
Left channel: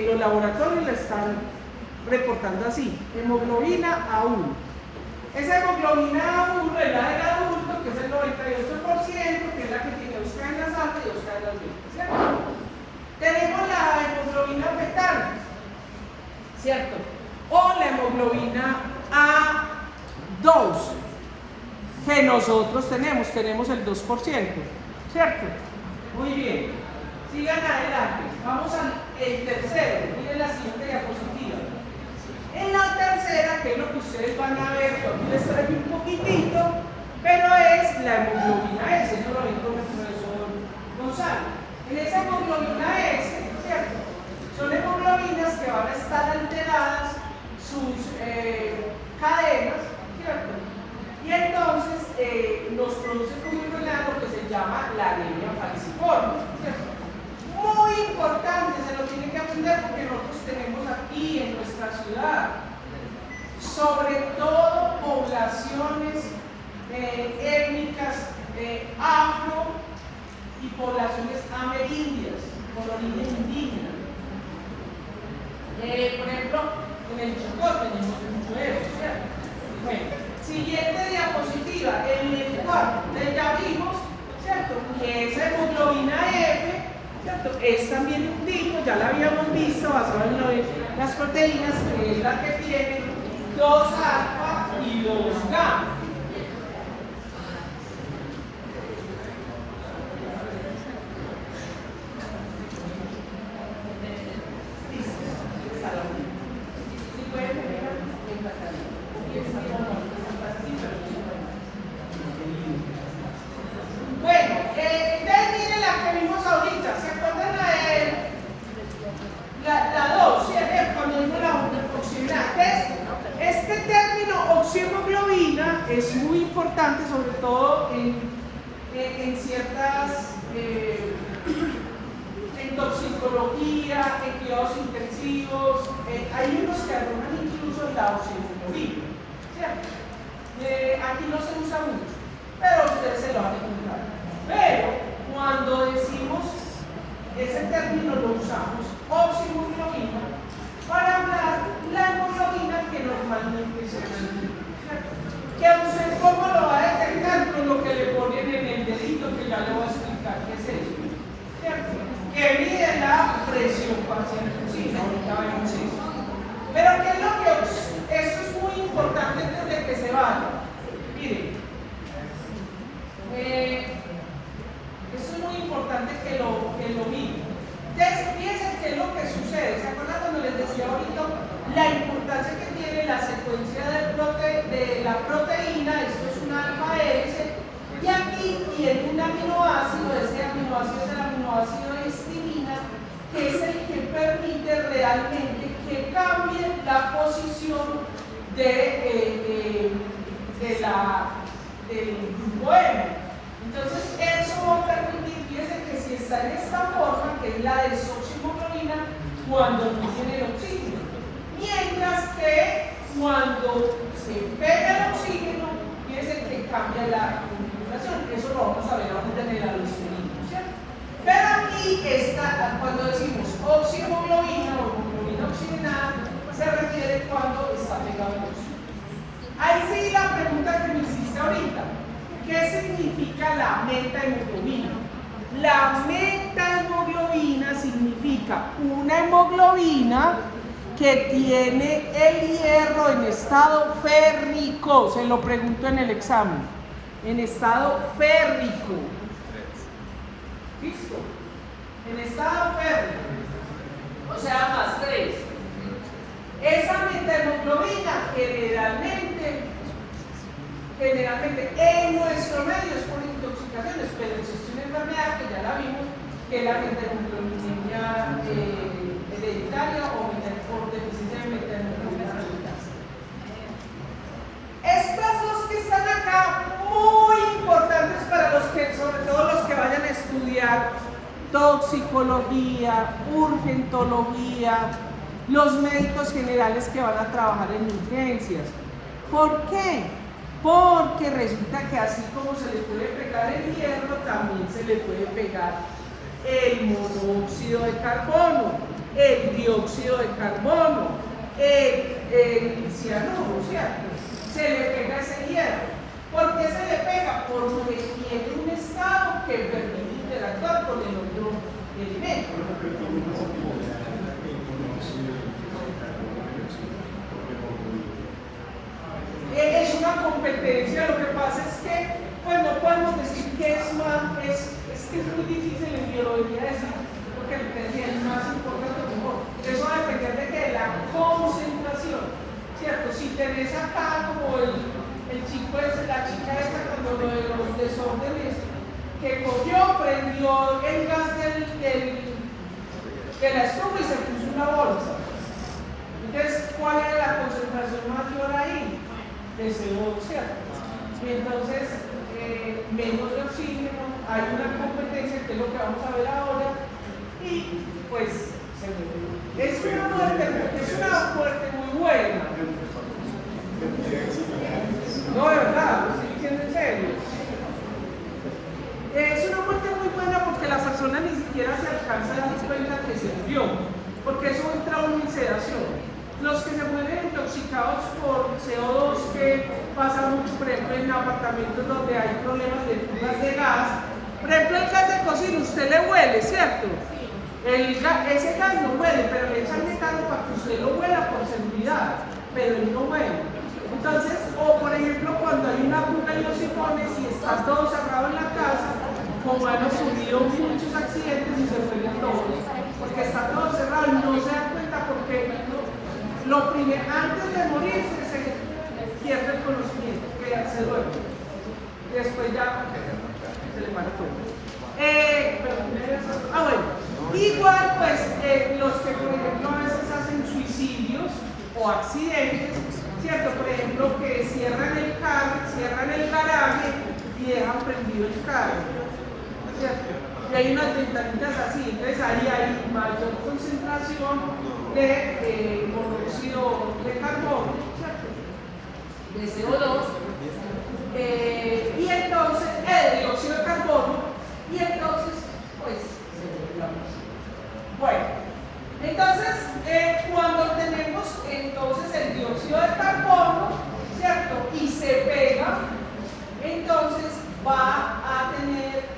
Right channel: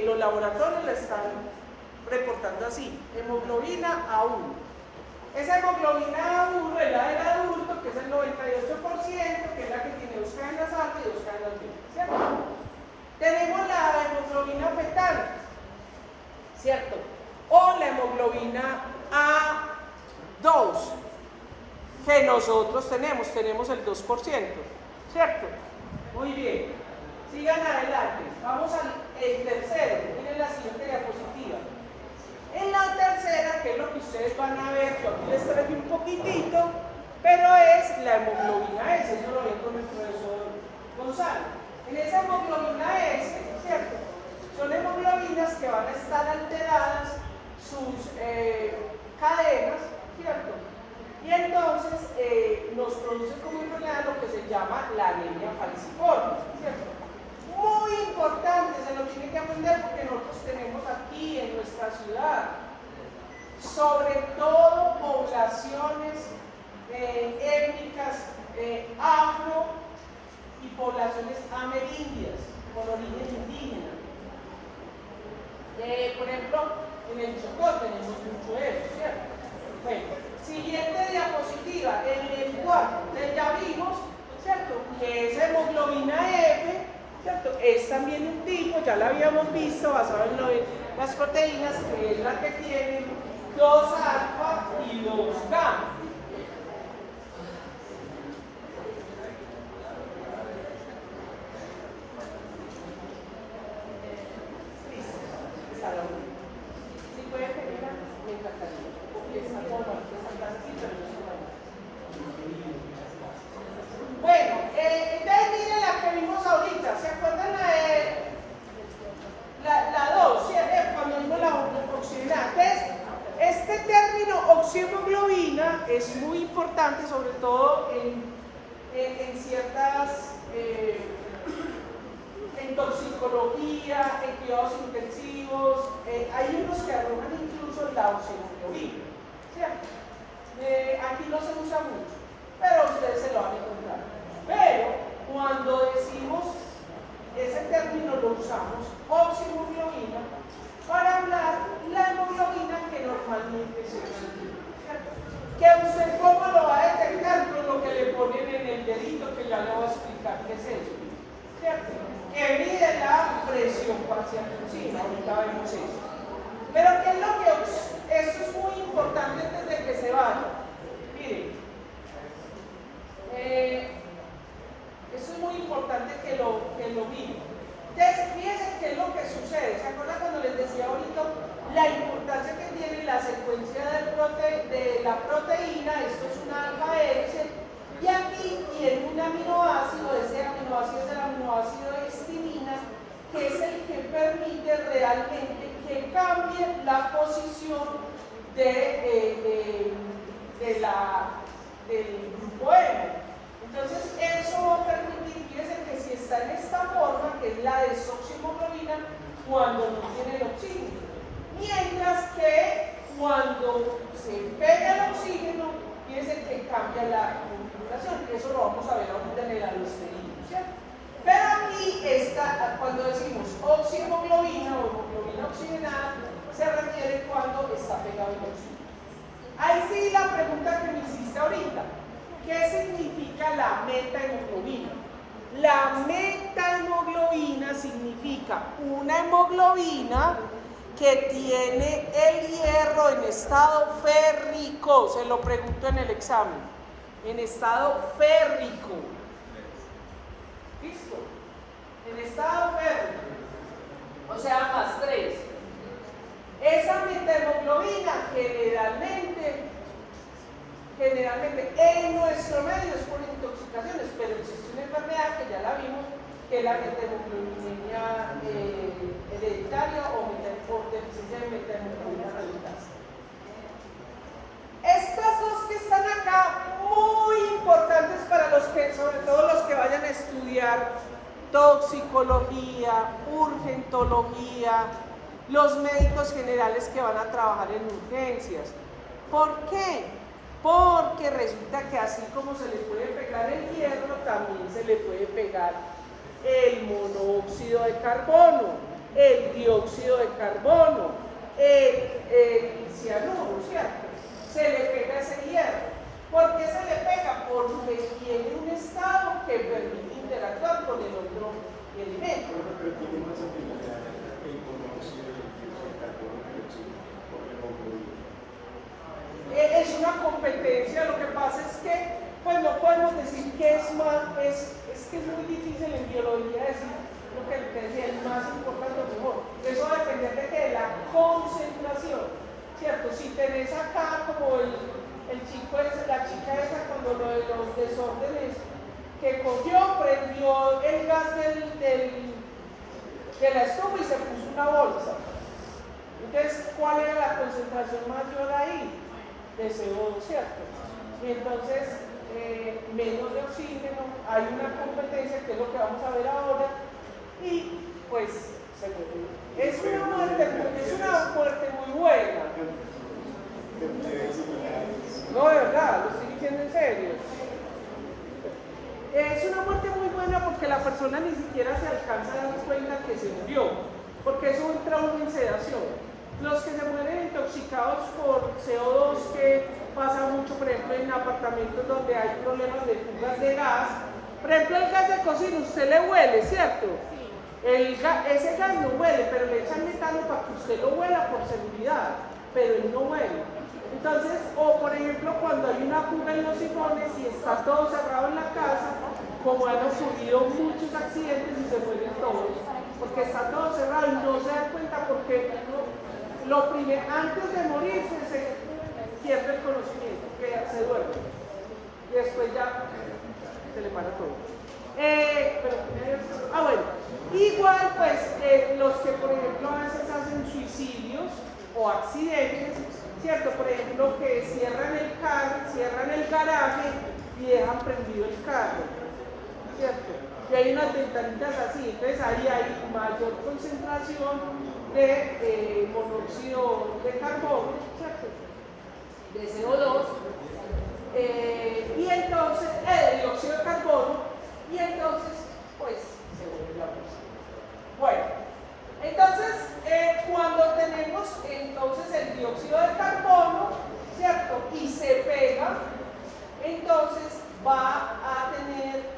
los laboratorios la están reportando así, hemoglobina A1. Esa hemoglobina A1 es la del adulto, que es el 98%, que es la que tiene 2 cadenas altas y 2 cadenas bajas, ¿cierto? Tenemos la hemoglobina fetal, ¿cierto? O la hemoglobina A2, que nosotros tenemos el 2%, ¿cierto? Muy bien, sigan adelante, vamos al tercero, miren la siguiente diapositiva. En la tercera, que es lo que ustedes van a ver, yo les traigo un poquitito, pero es la hemoglobina S, eso lo dijo el profesor Gonzalo. En esa hemoglobina S, ¿cierto? Son hemoglobinas que van a estar alteradas sus cadenas, ¿cierto? Y entonces nos produce una enfermedad lo que se llama la anemia falciforme, ¿cierto? Muy importante, se lo tienen que aprender porque nosotros tenemos aquí en nuestra ciudad, sobre todo poblaciones étnicas afro y poblaciones amerindias, colonias indígenas. Por ejemplo, en el Chocó tenemos mucho eso, ¿cierto? Bueno, siguiente diapositiva. En el cual ya vimos, ¿cierto? Que esa hemoglobina F, ¿cierto? Es también un tipo, ya la habíamos visto, basado en las proteínas, que es la que tiene 2 alfa y 2 gamma. Bueno, termine la que vimos ahorita. ¿Se acuerdan la 2? ¿Sí? Cuando vimos la oxigenada. Este término oximoglobina es muy importante, sobre todo en ciertas, en toxicología, en cuidados intensivos. Hay unos que arrojan incluso la oximoglobina, ¿cierto? Aquí no se usa mucho, pero usted se lo va a encontrar. Pero cuando decimos ese término lo usamos oximoglobina para hablar la hemoglobina que normalmente se usa. ¿Que usted cómo lo va a detectar? Con lo que le ponen en el dedito, que ya le voy a explicar qué es eso, ¿cierto? Que mide la presión parcial. Sí, ahorita vemos eso. Pero ¿qué es lo que eso es muy importante antes de que se vaya? Miren, eso es muy importante que lo miren. Entonces, fíjense qué es lo que sucede. ¿Se acuerdan cuando les decía ahorita la importancia que tiene la secuencia de la proteína? Esto es una alfa S, y aquí tiene un aminoácido, ese aminoácido es el aminoácido histamina, que es el que permite realmente que cambie la posición del grupo M. Entonces, eso va a permitir, fíjense que si está en esta forma, que es la desoximoglobina, cuando no tiene el oxígeno. Mientras que cuando se pega el oxígeno, fíjense que cambia la configuración. Eso lo vamos a ver ahorita en la listomina, ¿cierto? Pero aquí está, cuando decimos oximoglobina o hemoglobina oxigenada, se refiere cuando está pegado al oxígeno. Ahí sí la pregunta que me hiciste ahorita. ¿Qué significa la metahemoglobina? La metahemoglobina significa una hemoglobina que tiene el hierro en estado férrico. Se lo pregunto en el examen. En estado férrico. ¿Listo? En estado férrico. O sea, +3. Esa metahemoglobina generalmente en nuestro medio es por intoxicaciones, pero existe una enfermedad que ya la vimos, que es la metahemoglobina hereditaria o por deficiencia de metahemoglobina reductasa. Estas dos que están acá, muy importantes para los que, sobre todo los que vayan a estudiar toxicología, urgentología, los médicos generales que van a trabajar en urgencias. ¿Por qué? Porque resulta que así como se le puede pegar el hierro, también se le puede pegar el monóxido de carbono, el dióxido de carbono, el cianuro, ¿cierto? Se le pega ese hierro. ¿Por qué se le pega? Porque tiene un estado que permite interactuar con el otro elemento. Es una competencia. Lo que pasa es que, pues no podemos decir que es más, es que es muy difícil en biología decir lo que es más importante o mejor. Eso va a depender de que la concentración, ¿cierto? Si tenés acá como el chico es la chica esta cuando lo de los desórdenes, que cogió, prendió el gas de la estufa y se puso una bolsa. Entonces, ¿cuál es la concentración mayor ahí? Es el ¿cierto? Y entonces, menos de oxígeno, hay una competencia que es lo que vamos a ver ahora, y pues se muere. Es una muerte muy buena. No, de verdad, lo estoy diciendo en serio. Es una muerte muy buena porque la persona ni siquiera se alcanza a dar cuenta que se murió, porque eso entra en sedación. Los que se mueren intoxicados por CO2, que pasa mucho, por ejemplo, en apartamentos donde hay problemas de fugas de gas. Por ejemplo, el gas de cocina, usted le huele, ¿cierto? Ese gas no huele, pero le echan metano para que usted lo huela por seguridad, pero él no huele. Entonces, o por ejemplo, cuando hay una fuga en los sifones y está todo cerrado en la casa, como han ocurrido muchos accidentes y se mueren todos, porque está todo cerrado, no se dan cuenta porque lo primero, antes de morirse, se pierde el conocimiento, que se duerme. Después ya se le para todo. Bueno, igual pues los que por ejemplo a veces hacen suicidios o accidentes, ¿cierto? Por ejemplo, que cierran el carro, cierran el garaje y dejan prendido el carro, ¿cierto? Y hay unas ventanitas así, entonces ahí hay mayor concentración de monóxido de carbono, ¿cierto? De CO2, y entonces, de dióxido de carbono, y entonces, pues, se vuelve la música. Bueno, entonces, cuando tenemos entonces el dióxido de carbono, ¿cierto? Y se pega, entonces vamos a tener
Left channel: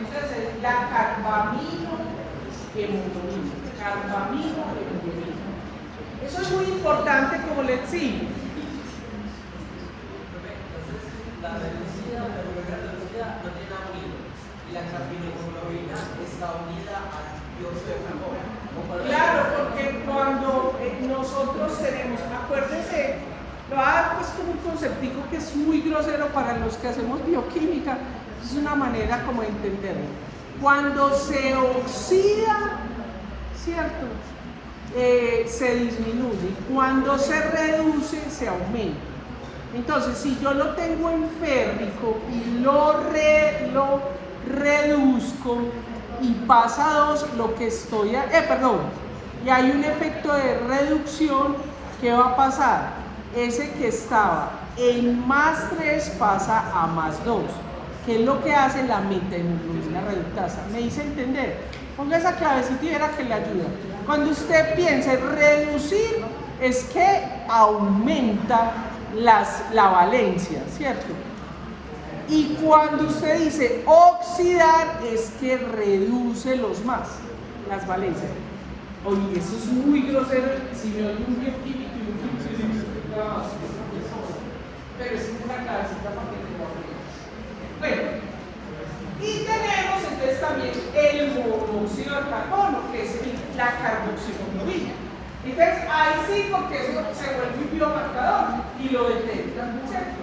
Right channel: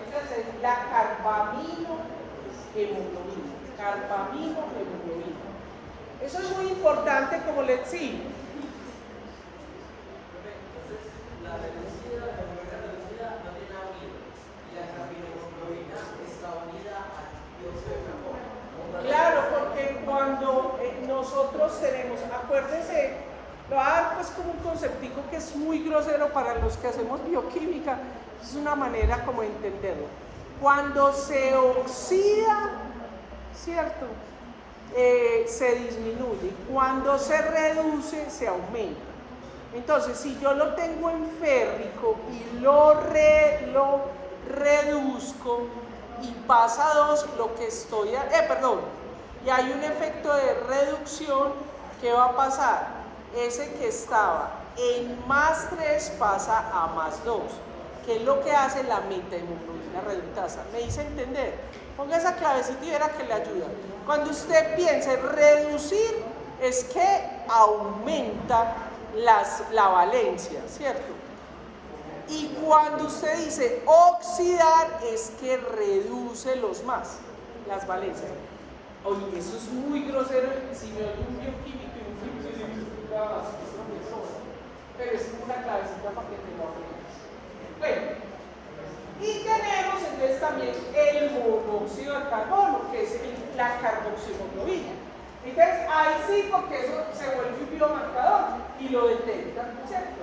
entonces la carbamino hemoglobina. Carbamino hemoglobina. Eso es muy importante como les digo. Claro, porque cuando nosotros tenemos, acuérdense, lo voy a dar pues como un conceptico que es muy grosero para los que hacemos bioquímica, es una manera como de entenderlo. Cuando se oxida, ¿cierto? Se disminuye, cuando se reduce, se aumenta. Entonces, si yo lo tengo en férrico y lo reduzco y pasa a 2, lo que estoy, y hay un efecto de reducción, ¿qué va a pasar? Ese que estaba en más 3 pasa a más 2, que es lo que hace la metahemoglobina reductasa. ¿Me hice entender? Ponga esa clavecita y verá que le ayuda. Cuando usted piensa en reducir, es que aumenta la valencia, ¿cierto? Y cuando usted dice oxidar, es que reduce las valencias. Oye, eso es muy grosero, si no hay un bioquímico y un químico, pero es una clasita para que te lo veas. Bueno, y tenemos entonces también el monóxido de carbono, que es la carboxiloglobina. Entonces, hay 5 que eso se vuelve un biomarcador y lo detectan, ¿cierto?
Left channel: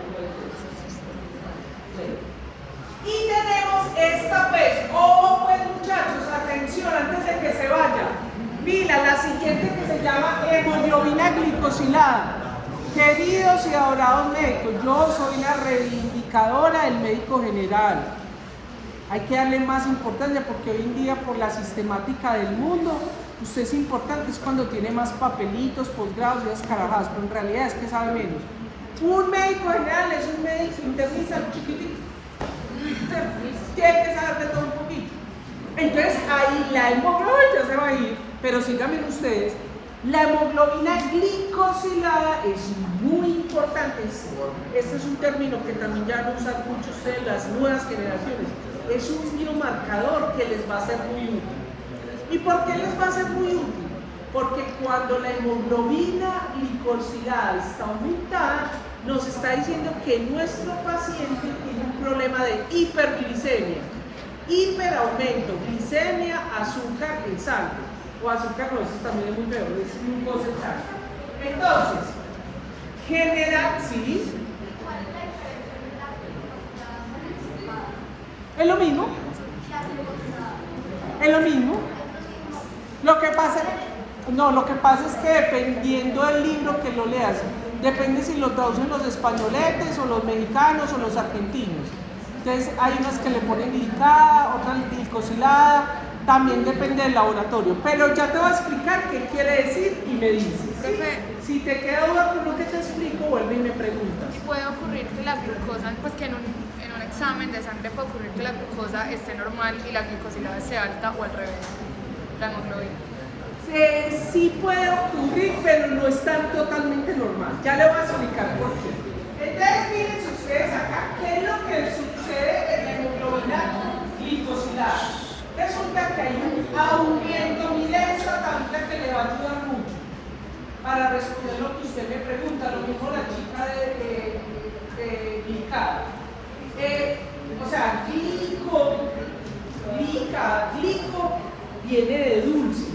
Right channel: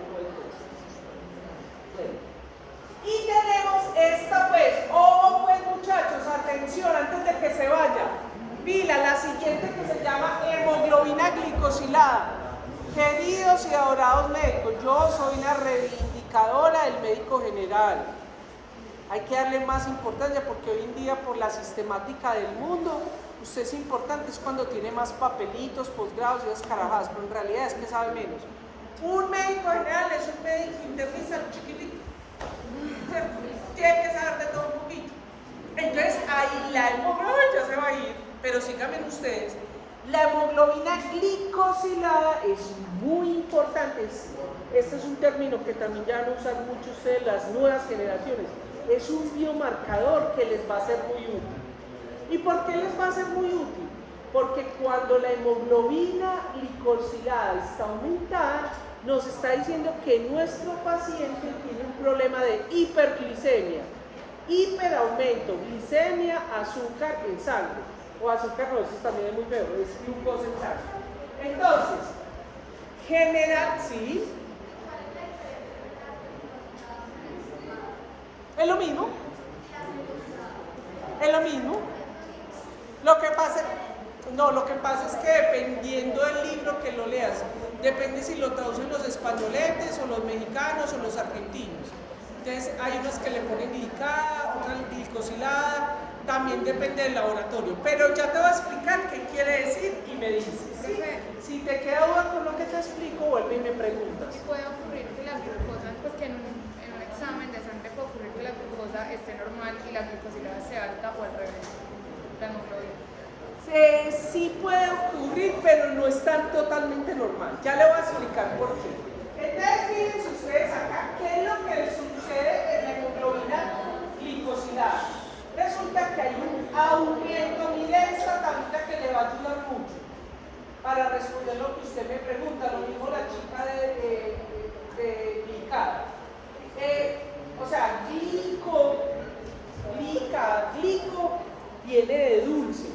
Y tenemos esta vez, pues muchachos, atención antes de que se vaya. Mira, la siguiente que se llama hemoglobina glicosilada. Queridos y adorados médicos, yo soy la reivindicadora del médico general. Hay que darle más importancia porque hoy en día por la sistemática del mundo, usted es importante, es cuando tiene más papelitos, posgrados y escarajadas, pero en realidad es que sabe menos. Un médico general es un médico internista chiquitito. Tiene que saber de todo un poquito. Entonces ahí la hemoglobina ya se va a ir, pero síganme ustedes. La hemoglobina glicosilada es muy importante. Este es un término que también ya van a usar muchos ustedes, las nuevas generaciones. Es un biomarcador que les va a ser muy útil. ¿Y por qué les va a ser muy útil? Porque cuando la hemoglobina glicosilada está aumentada, nos está diciendo que nuestro paciente tiene un problema de hiperglicemia, hiperaumento, glicemia, azúcar en sangre, o azúcar no, eso también es muy feo, es glucosa en sangre. Entonces, genera, ¿sí? Es lo mismo. Es lo mismo. Lo que pasa es que dependiendo del libro que lo leas, depende si lo traducen los españoletes o los mexicanos o los argentinos. Entonces hay unas que le ponen glicada, otras glicosilada, también depende del laboratorio. Pero ya te voy a explicar qué quiere decir y me dices. ¿Sí? Si te queda duda con lo que te explico, vuelve y me preguntas. Y puede ocurrir que la glucosa, pues que en un examen de sangre puede ocurrir que la glucosa esté normal y la glicosilada esté alta o al revés, la hemoglobina. Sí puede ocurrir, pero no es tan totalmente normal. Ya le voy a explicar por qué. Entonces, fíjense ustedes acá, ¿qué es lo que sucede en la hemoglobina glicosilada? Resulta que hay un aumento, miren esta tablita que le va a ayudar mucho para para responder lo que usted me pregunta, lo mismo la chica de glicado. O sea, glico viene de dulce.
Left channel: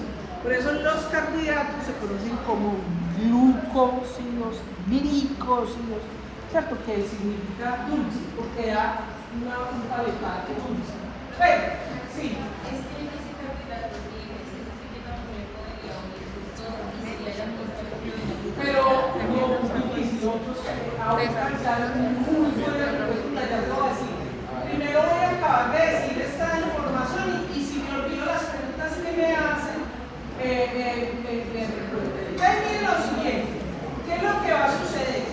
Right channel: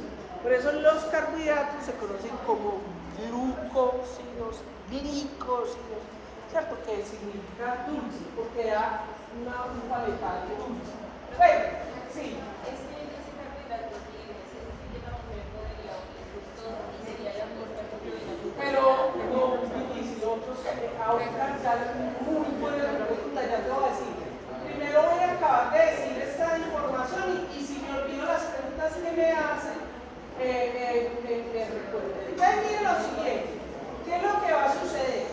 Por eso los carbohidratos se conocen como glucósidos, glicósidos, ¿cierto? Que significa dulce, porque da una punta de carne dulce. Bueno, sí. Pero como difícil, ahorita ya muy buena pregunta, ya te voy a decir. Primero voy a acabar de decir esta información y si me olvido las preguntas que me hacen, entonces miren lo siguiente, ¿qué es lo que va a suceder?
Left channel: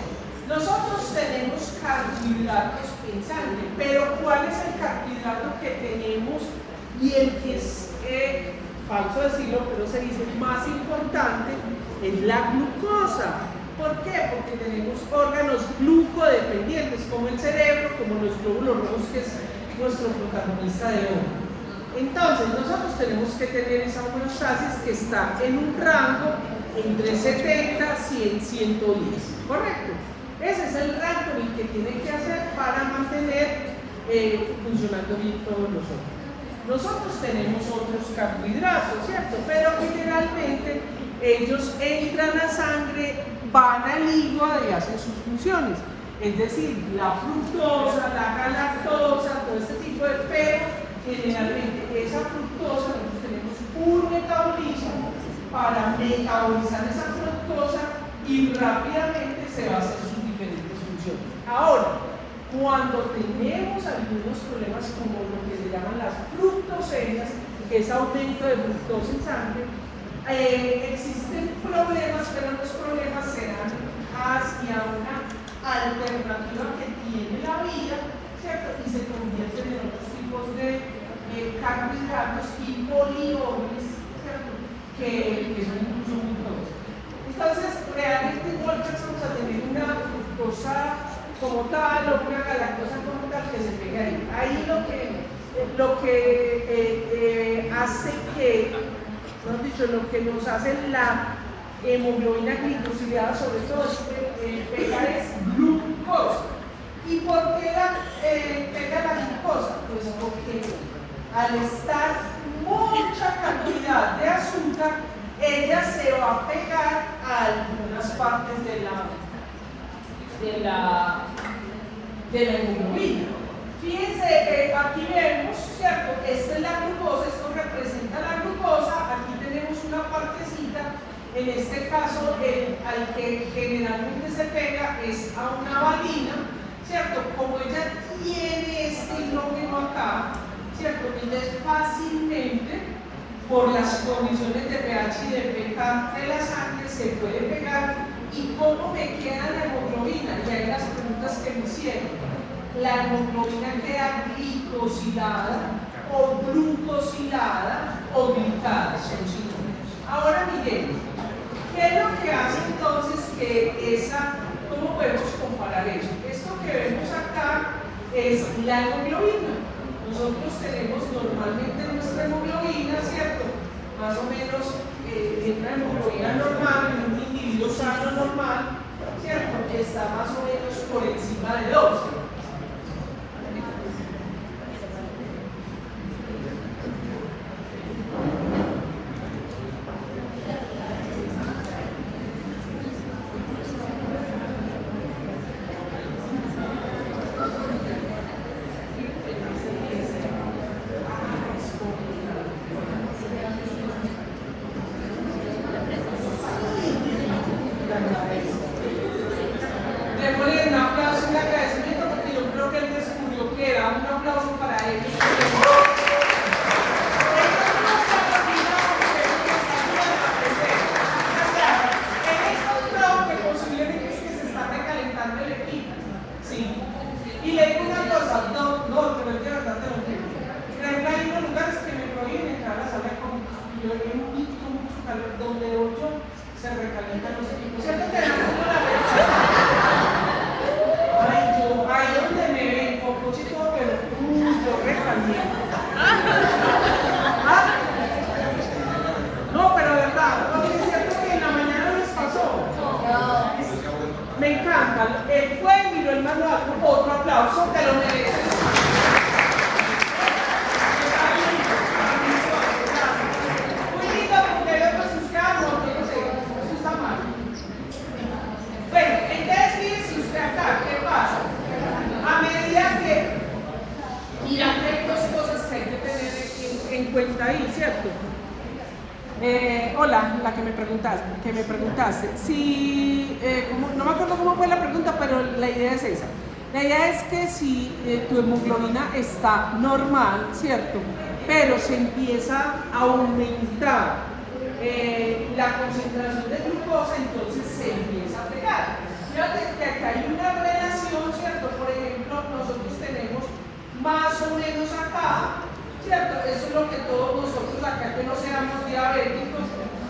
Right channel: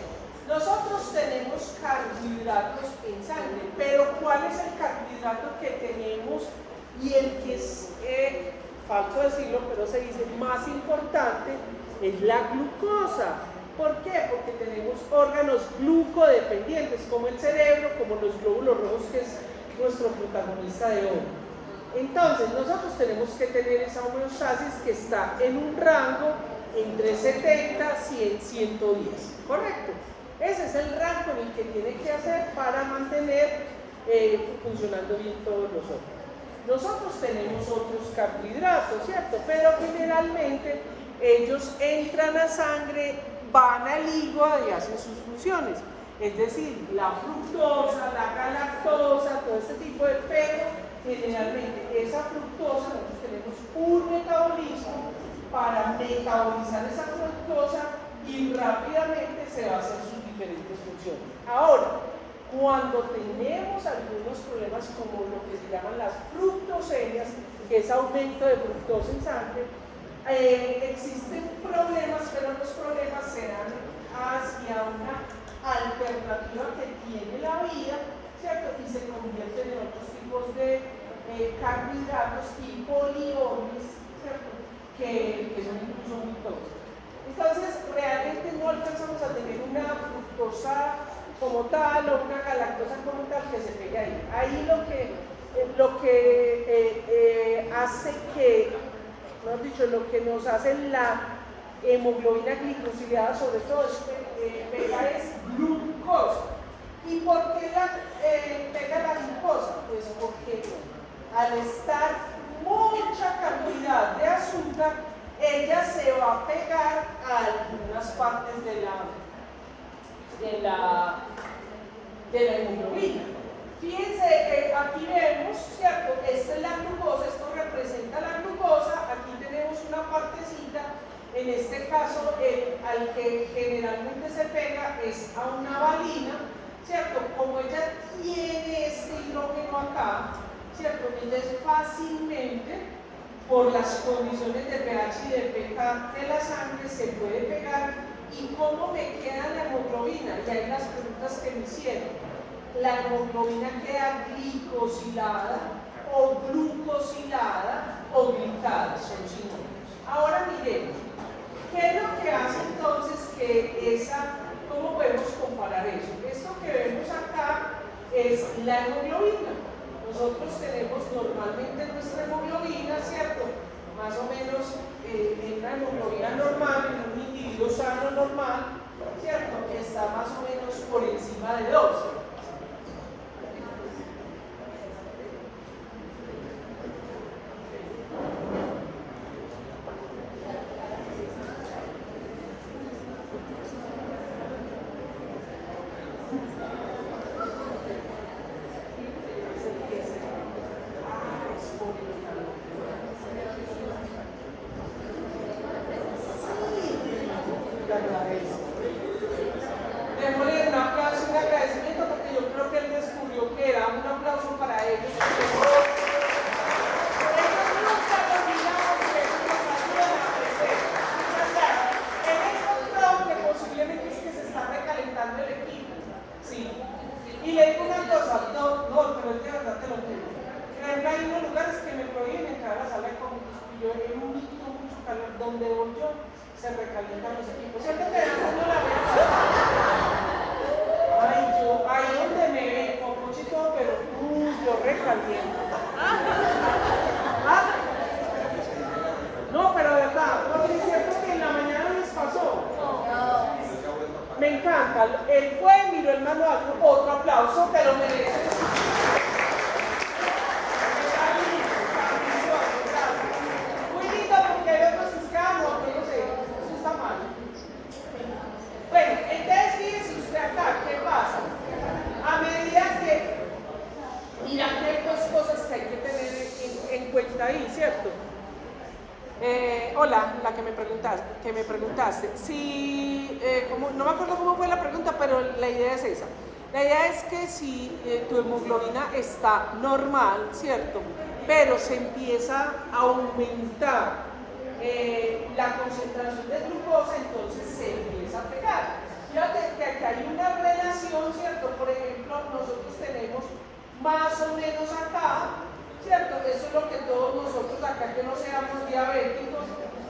Nosotros tenemos carbohidratos en sangre, pero ¿cuál es el carbohidrato que tenemos y el que es, falso decirlo, pero se dice más importante, es la glucosa? ¿Por qué? Porque tenemos órganos glucodependientes, como el cerebro, como los glóbulos rojos, que es nuestro protagonista de hoy. Entonces, nosotros tenemos que tener esa homeostasis que está en un rango entre 70, 100, 110, ¿correcto? Ese es el rango el que tiene que hacer para mantener funcionando bien todos nosotros. Nosotros tenemos otros carbohidratos, ¿cierto? Pero generalmente ellos entran a sangre, van al hígado y hacen sus funciones. Es decir, la fructosa, la galactosa, todo este tipo de, pero generalmente esa fructosa, nosotros tenemos un metabolismo para metabolizar esa fructosa y rápidamente se va a hacer sus diferentes funciones. Ahora, cuando tenemos algunos problemas como lo que se llaman las fructosemias, que es aumento de fructosa en sangre, existen problemas, pero los problemas se dan hacia una alternativa que tiene la vida, ¿cierto? Y se convierten en otros tipos de carbohidratos y polioles, ¿cierto? Que son mucho glucosa. Entonces, realmente no alcanzamos a tener una fructosa como tal o una galactosa como tal que se pegue ahí. Ahí lo que hace que, mejor dicho, lo que nos hace la hemoglobina glicosilada, sobre todo, pegar es glucosa. ¿Y por qué pega la glucosa? Pues porque al estar mucha cantidad de azúcar, ella se va a pegar a algunas partes de la hemoglobina. Fíjense que aquí vemos, ¿cierto? Esta es la glucosa, esto representa la glucosa, aquí tenemos una partecita, en este caso al que generalmente se pega es a una valina, ¿cierto? Como ella tiene este hidrógeno acá, ¿cierto? Entonces fácilmente, por las condiciones de pH y de pK de la sangre, se puede pegar. ¿Y cómo me queda la hemoglobina? Y hay las preguntas que me hicieron. La hemoglobina queda glicosilada o glucosilada o glicada, son sinónimos. Ahora miremos, ¿qué es lo que hace entonces que cómo podemos comparar eso? Esto que vemos acá es la hemoglobina. Nosotros tenemos normalmente nuestra hemoglobina, ¿cierto? Más o menos una hemoglobina normal, en un individuo sano normal, ¿cierto? Está más o menos por encima de 12. No, pero de verdad, aunque es cierto que en la mañana les pasó. lo mereces. Bueno, entonces fíjense usted acá, ¿qué pasa? A medida que mira, hay dos cosas que hay que tener en cuenta ahí, ¿cierto? Hola, la que me preguntaste. Si, no me acuerdo cómo fue la pregunta, pero la idea es esa. La idea es que si tu hemoglobina está normal, ¿cierto? Pero se empieza a aumentar la concentración de glucosa, entonces se empieza a pegar. Fíjate que acá hay una relación, ¿cierto? Por ejemplo, nosotros tenemos más o menos acá, ¿cierto? Eso es lo que todos nosotros acá que no seamos diabéticos,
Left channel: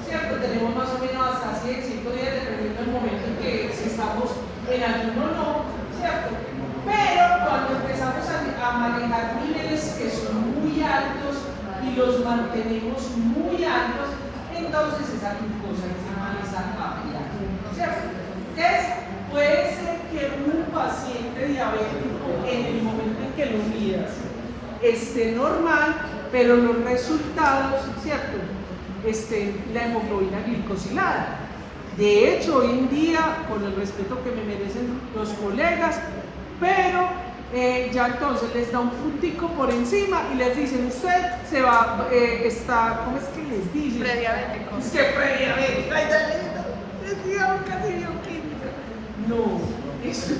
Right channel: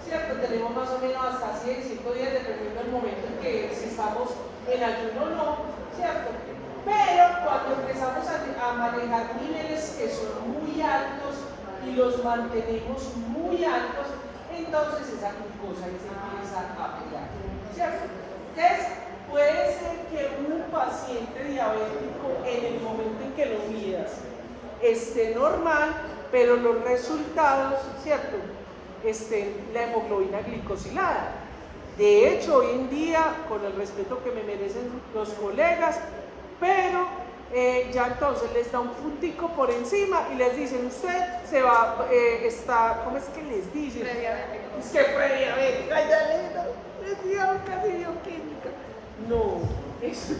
¿cierto? Tenemos más o menos hasta 100, 110 dependiendo del momento en que si estamos en ayuno o no, ¿cierto? Pero cuando empezamos a manejar niveles que son muy altos y los mantenemos muy altos, entonces esa glucosa empieza a pegar, ¿cierto? Entonces, puede ser que un paciente diabético en el momento en que lo midas esté normal, pero los resultados, ¿cierto? La hemoglobina glicosilada. De hecho, hoy en día, con el respeto que me merecen los colegas, pero ya entonces les da un puntico por encima y les dicen, usted se va, está, ¿cómo es que les dicen? Prediabético. Es que prediabético, no, eso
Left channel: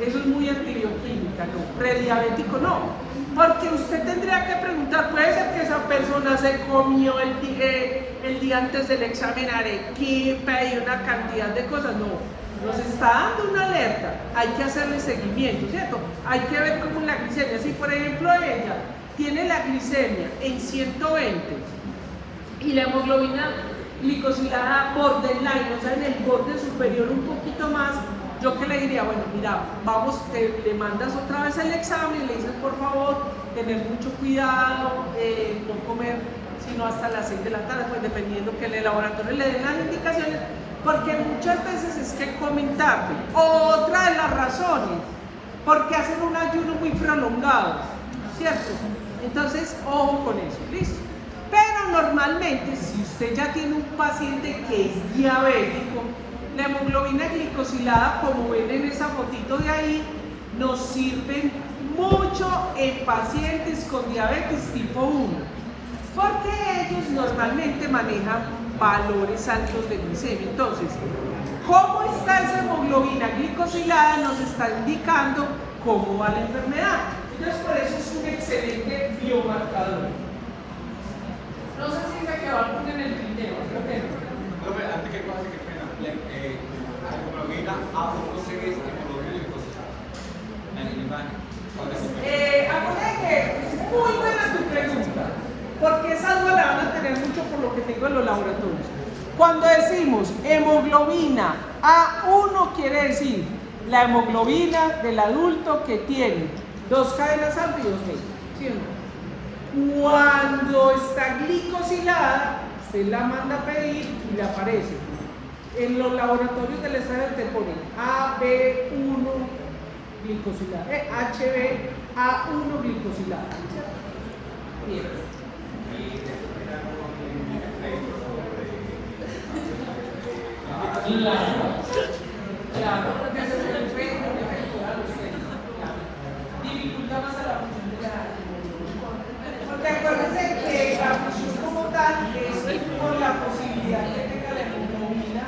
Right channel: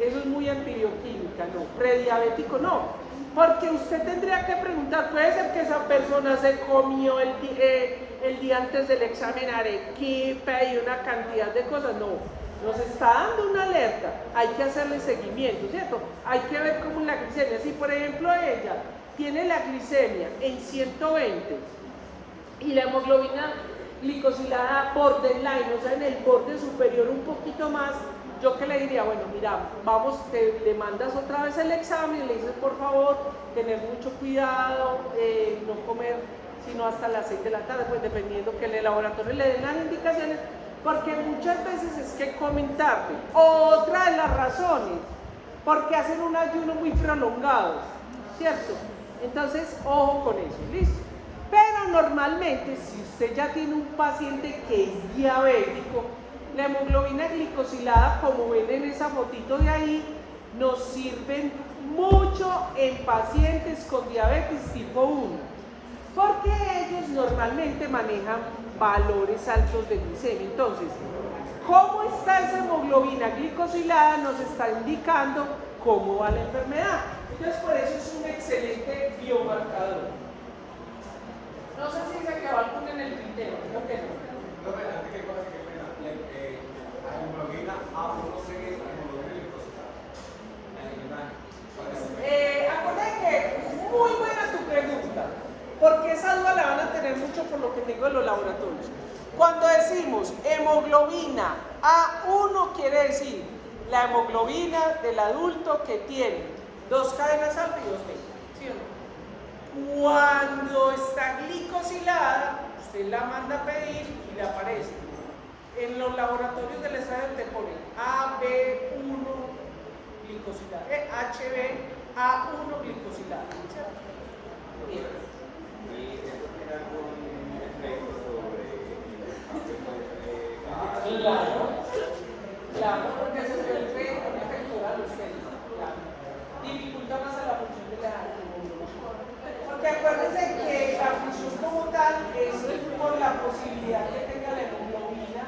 es muy antibioquímica, no, prediabético no, porque usted tendría que preguntar, puede ser que esa persona se comió el día antes del examen arequipe y una cantidad de cosas, no. Nos está dando una alerta, hay que hacerle seguimiento, ¿cierto? Hay que ver cómo la glicemia, si por ejemplo ella tiene la glicemia en 120 y la hemoglobina glicosilada borderline, o sea en el borde superior un poquito más, yo que le diría, bueno, mira, vamos, le mandas otra vez el examen y le dices por favor, tener mucho cuidado, no comer sino hasta las 6 de la tarde, pues dependiendo que el laboratorio le den las indicaciones, porque muchas veces es que comen tarde. Otra de las razones, porque hacen un ayuno muy prolongado, ¿cierto? Entonces, ojo con eso, ¿listo? Pero normalmente, si usted ya tiene un paciente que es diabético, la hemoglobina glicosilada, como ven en esa fotito de ahí, nos sirve mucho en pacientes con diabetes tipo 1, porque ellos normalmente manejan valores altos de glicemia. Entonces, ¿cómo está esa hemoglobina glicosilada? Nos está indicando cómo va la enfermedad. Entonces, por eso es un excelente biomarcador. No sé si se quedó algo en el tintero. Antes que pase, qué pena. La hemoglobina A1 C es hemoglobina glicosilada. En la imagen. Acuérdate que es muy buena tu pregunta, porque esa no la van a tener mucho por lo que te digo en los laboratorios. Cuando decimos hemoglobina A1 quiere decir la hemoglobina del adulto que tiene 2 cadenas alfa y 2 beta, ¿sí o no? Cuando está glicosilada, usted la manda a pedir y le aparece. En los laboratorios del Estado te ponen AB1 glicosilada, HbA1 glicosilada. Bien. Claro, porque ese es el efecto a los dificulta más a la función de la. Porque acuérdense que la función como tal es como la posibilidad que tenga la hemoglobina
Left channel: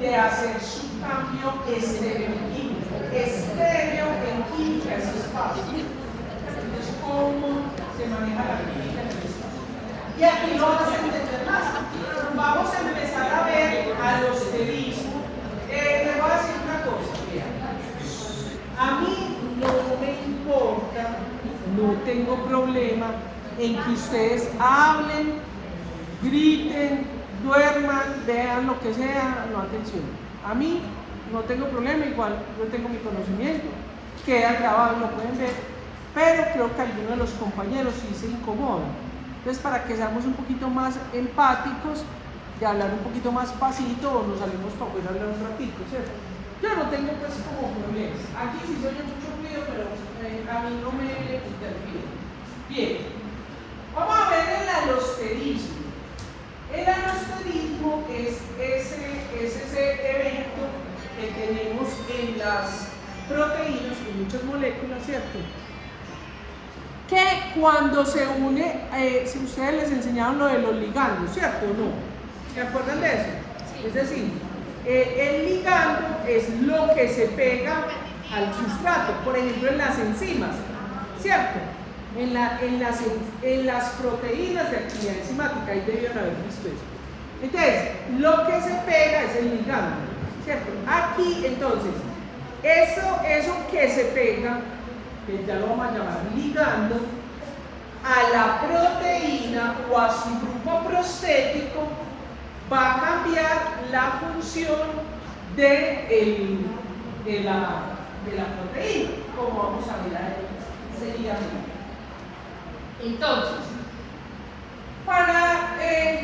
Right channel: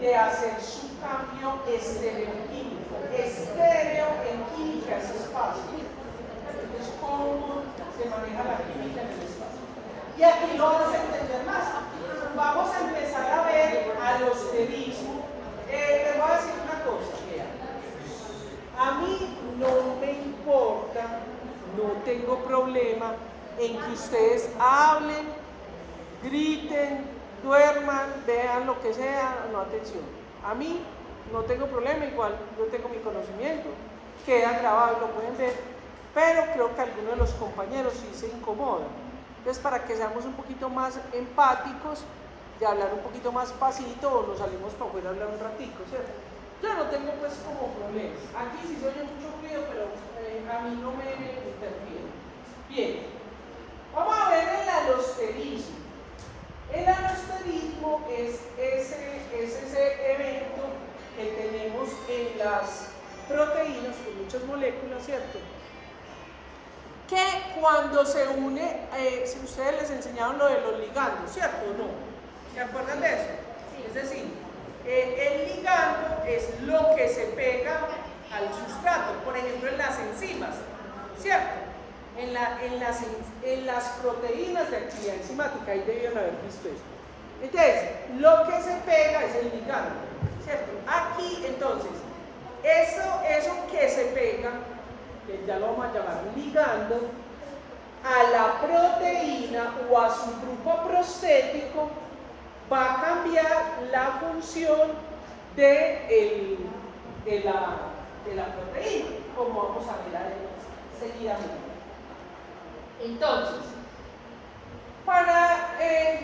de hacer su cambio estereoquímico. Estéreo en química es espacio. Entonces, ¿cómo se maneja la química en el espacio? Y aquí no vamos a entender más. Vamos a empezar a ver a los que dicen. Le voy a decir una cosa. A mí no me importa, no tengo problema en que ustedes hablen, griten, duerman, vean lo que sea, no atención. A mí no tengo problema, igual yo tengo mi conocimiento, queda grabado, lo pueden ver, pero creo que algunos de los compañeros sí se incomodan. Entonces, para que seamos un poquito más empáticos, de hablar un poquito más pasito o nos salimos para poder hablar un ratito, ¿cierto? Yo no tengo pues como problemas. Aquí sí se oye mucho ruido, pero a mí no me interfiere. Bien, vamos a ver el alosterismo. El alosterismo es ese evento que tenemos en las proteínas, en muchas moléculas, ¿cierto? Que cuando se une, si ustedes les enseñaron lo de los ligandos, ¿cierto o no? ¿Se acuerdan de eso? Es decir, el ligando es lo que se pega al sustrato, por ejemplo en las enzimas, ¿cierto? En las proteínas de actividad enzimática, ahí debían haber visto eso. Entonces, lo que se pega es el ligando, ¿cierto? Aquí, entonces, eso que se pega, que ya lo vamos a llamar ligando, a la proteína o a su grupo prostético, va a cambiar la función de la proteína, como vamos a ver ahí. Sería así. Entonces,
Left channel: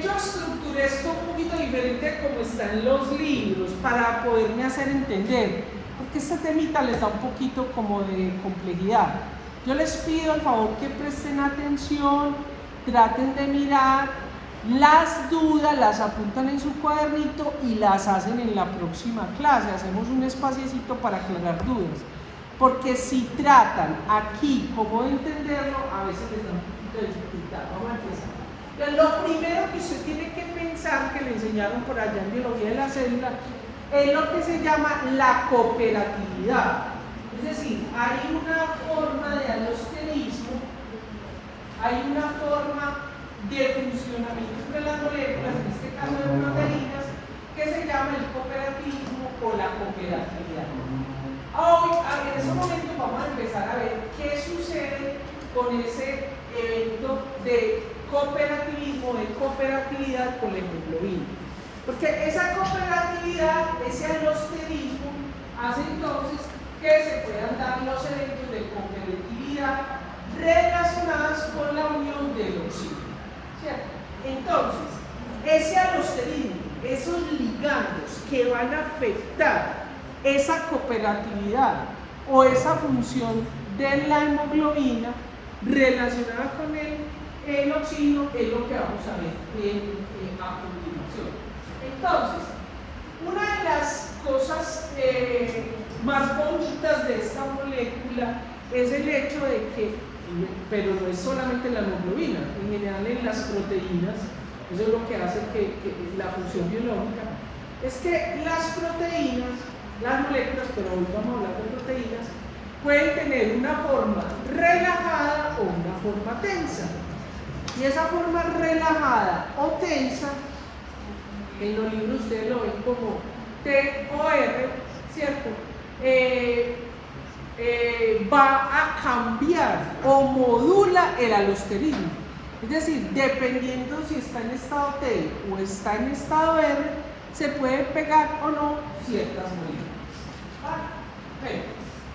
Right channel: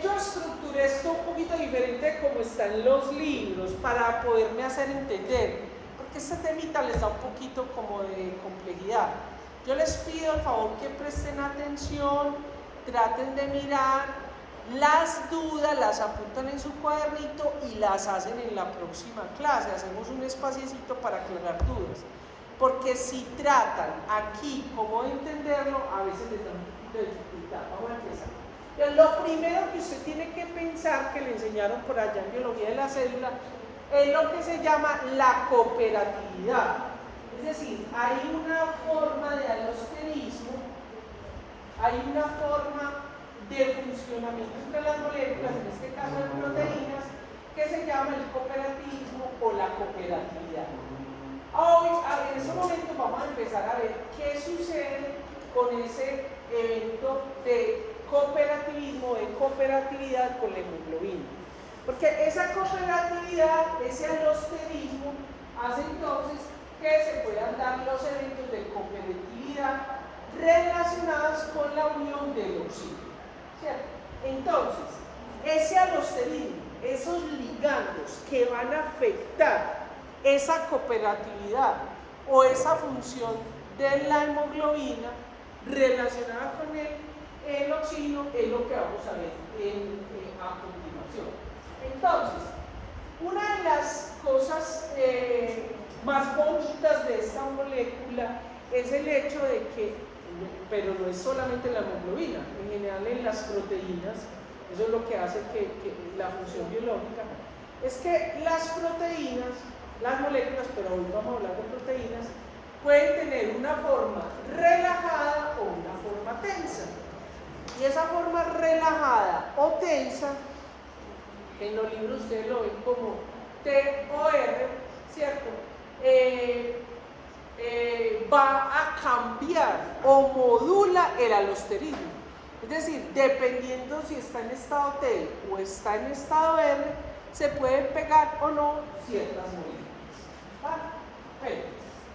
yo estructuré esto un poquito diferente como están los libros para poderme hacer entender, porque este temita les da un poquito como de complejidad. Yo les pido el favor que presten atención, traten de mirar las dudas, las apuntan en su cuadernito y las hacen en la próxima clase. Hacemos un espaciecito para aclarar dudas, porque si tratan aquí cómo de entenderlo, a veces les da un poquito de dificultad. Vamos a empezar. Lo primero que usted tiene que pensar, que le enseñaron por allá en biología de la célula, es lo que se llama la cooperatividad. Es decir, hay una forma de alosterismo, hay una forma de funcionamiento entre las moléculas, en este caso de proteínas, que se llama el cooperativismo o la cooperatividad. Hoy, en este momento, vamos a empezar a ver qué sucede con ese evento de cooperativismo, de cooperatividad con la hemoglobina. Porque esa cooperatividad, ese alosterismo, hace entonces que se puedan dar los eventos de cooperatividad relacionados con la unión del oxígeno. ¿Cierto? Entonces, ese alosterismo, esos ligandos que van a afectar esa cooperatividad o esa función de la hemoglobina relacionada con el oxígeno es lo que vamos a ver a continuación. Entonces, una de las cosas más bonitas de esta molécula es el hecho de que, pero no es solamente la hemoglobina, en general en las proteínas, eso es lo que hace que la función biológica, es que las proteínas, las moléculas, pero hoy vamos a hablar de proteínas, pueden tener una forma relajada o una forma tensa. Y esa forma relajada o tensa, en los libros ustedes lo ven como TOR, ¿cierto? Va a cambiar o modula el alosterismo. Es decir, dependiendo si está en estado T o está en estado R, se puede pegar o no ciertas moléculas. ¿Vale? Bueno,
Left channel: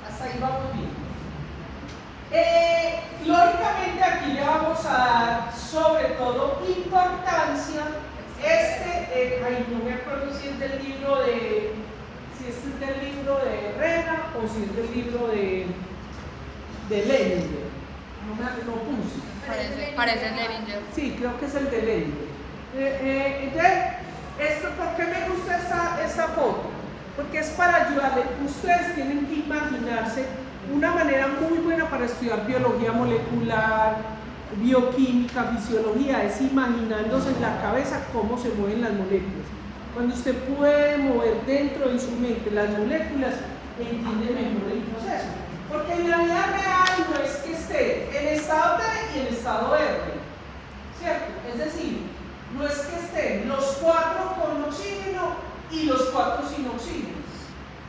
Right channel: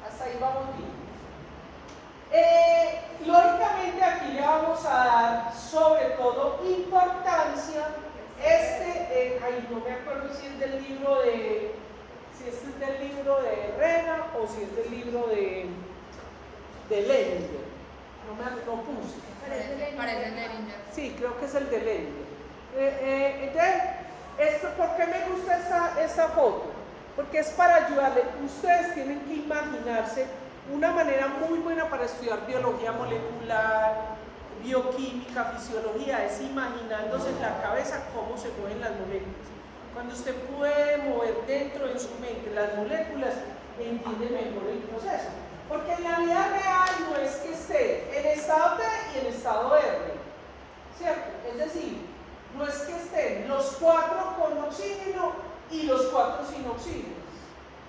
hasta ahí vamos bien. Lógicamente aquí le vamos a dar sobre todo importancia no me acuerdo si es del libro de Rena o si es del libro de Lehninger. No puse. Parece Lehninger. Sí, creo que es el de Lehninger. Entonces, ¿por qué me gusta esta foto? Porque es para ayudarle. Ustedes tienen que imaginarse una manera muy buena para estudiar biología molecular, bioquímica, fisiología, es imaginándose en la cabeza cómo se mueven las moléculas. Cuando usted puede mover dentro de su mente las moléculas, entiende mejor el proceso. Porque en la vida real no es que esté en estado T y en estado R, ¿cierto? Es decir, no es que estén los 4 con oxígeno y los 4 sin oxígeno.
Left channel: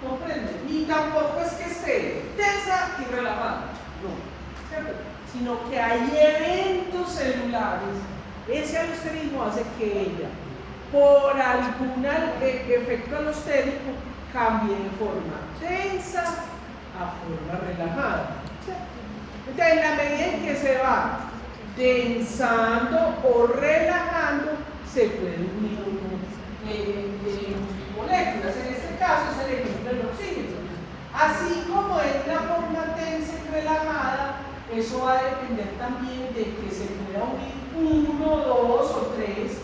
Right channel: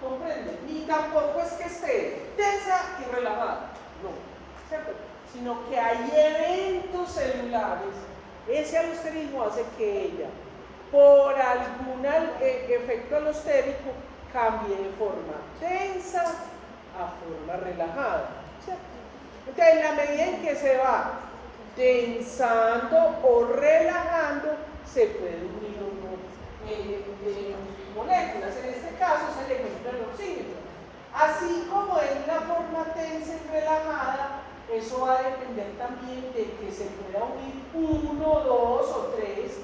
¿Comprende? Ni tampoco es que esté tensa y relajada. No, ¿cierto? Sino que hay eventos celulares. Ese alosterismo hace que ella, por algún efecto alostérico, cambie de forma tensa a forma relajada. Entonces, en la medida en que se va tensando o relajando, se pueden unir moléculas. En este caso es el ejemplo del oxígeno. Así como es la forma tensa y relajada eso va a depender también de que se pueda unir 1, 2 o 3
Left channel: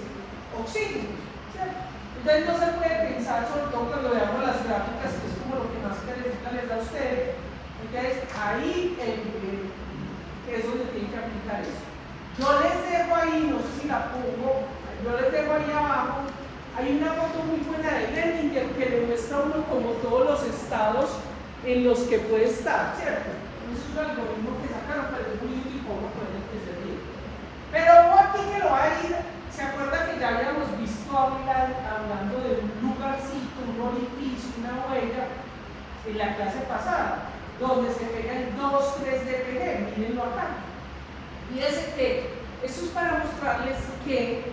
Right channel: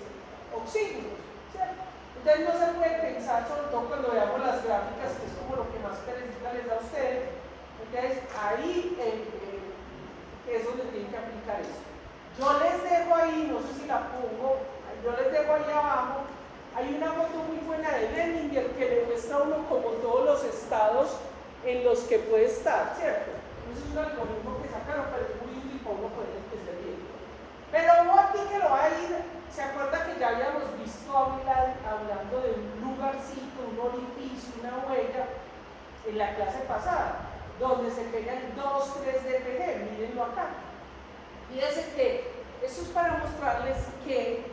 oxígenos, ¿cierto? Entonces no se puede pensar, sobre todo cuando veamos las gráficas, que es como lo que más característica les da a ustedes. Entonces ahí es donde tienen que aplicar eso. Yo les dejo ahí, no sé si la pongo, yo les dejo ahí abajo, hay una foto muy buena de Leninger que le muestra a uno como todos los estados en los que puede estar, ¿cierto? Es un algoritmo que sacaron, pero es muy útil como pueden entender. Pero aquí que lo va a ir, ¿se acuerda que ya habíamos visto hablando de un lugarcito, un orificio, una huella en la clase pasada, donde se pega el 2,3 dPg? Mírenlo acá. Fíjense que esto es para mostrarles que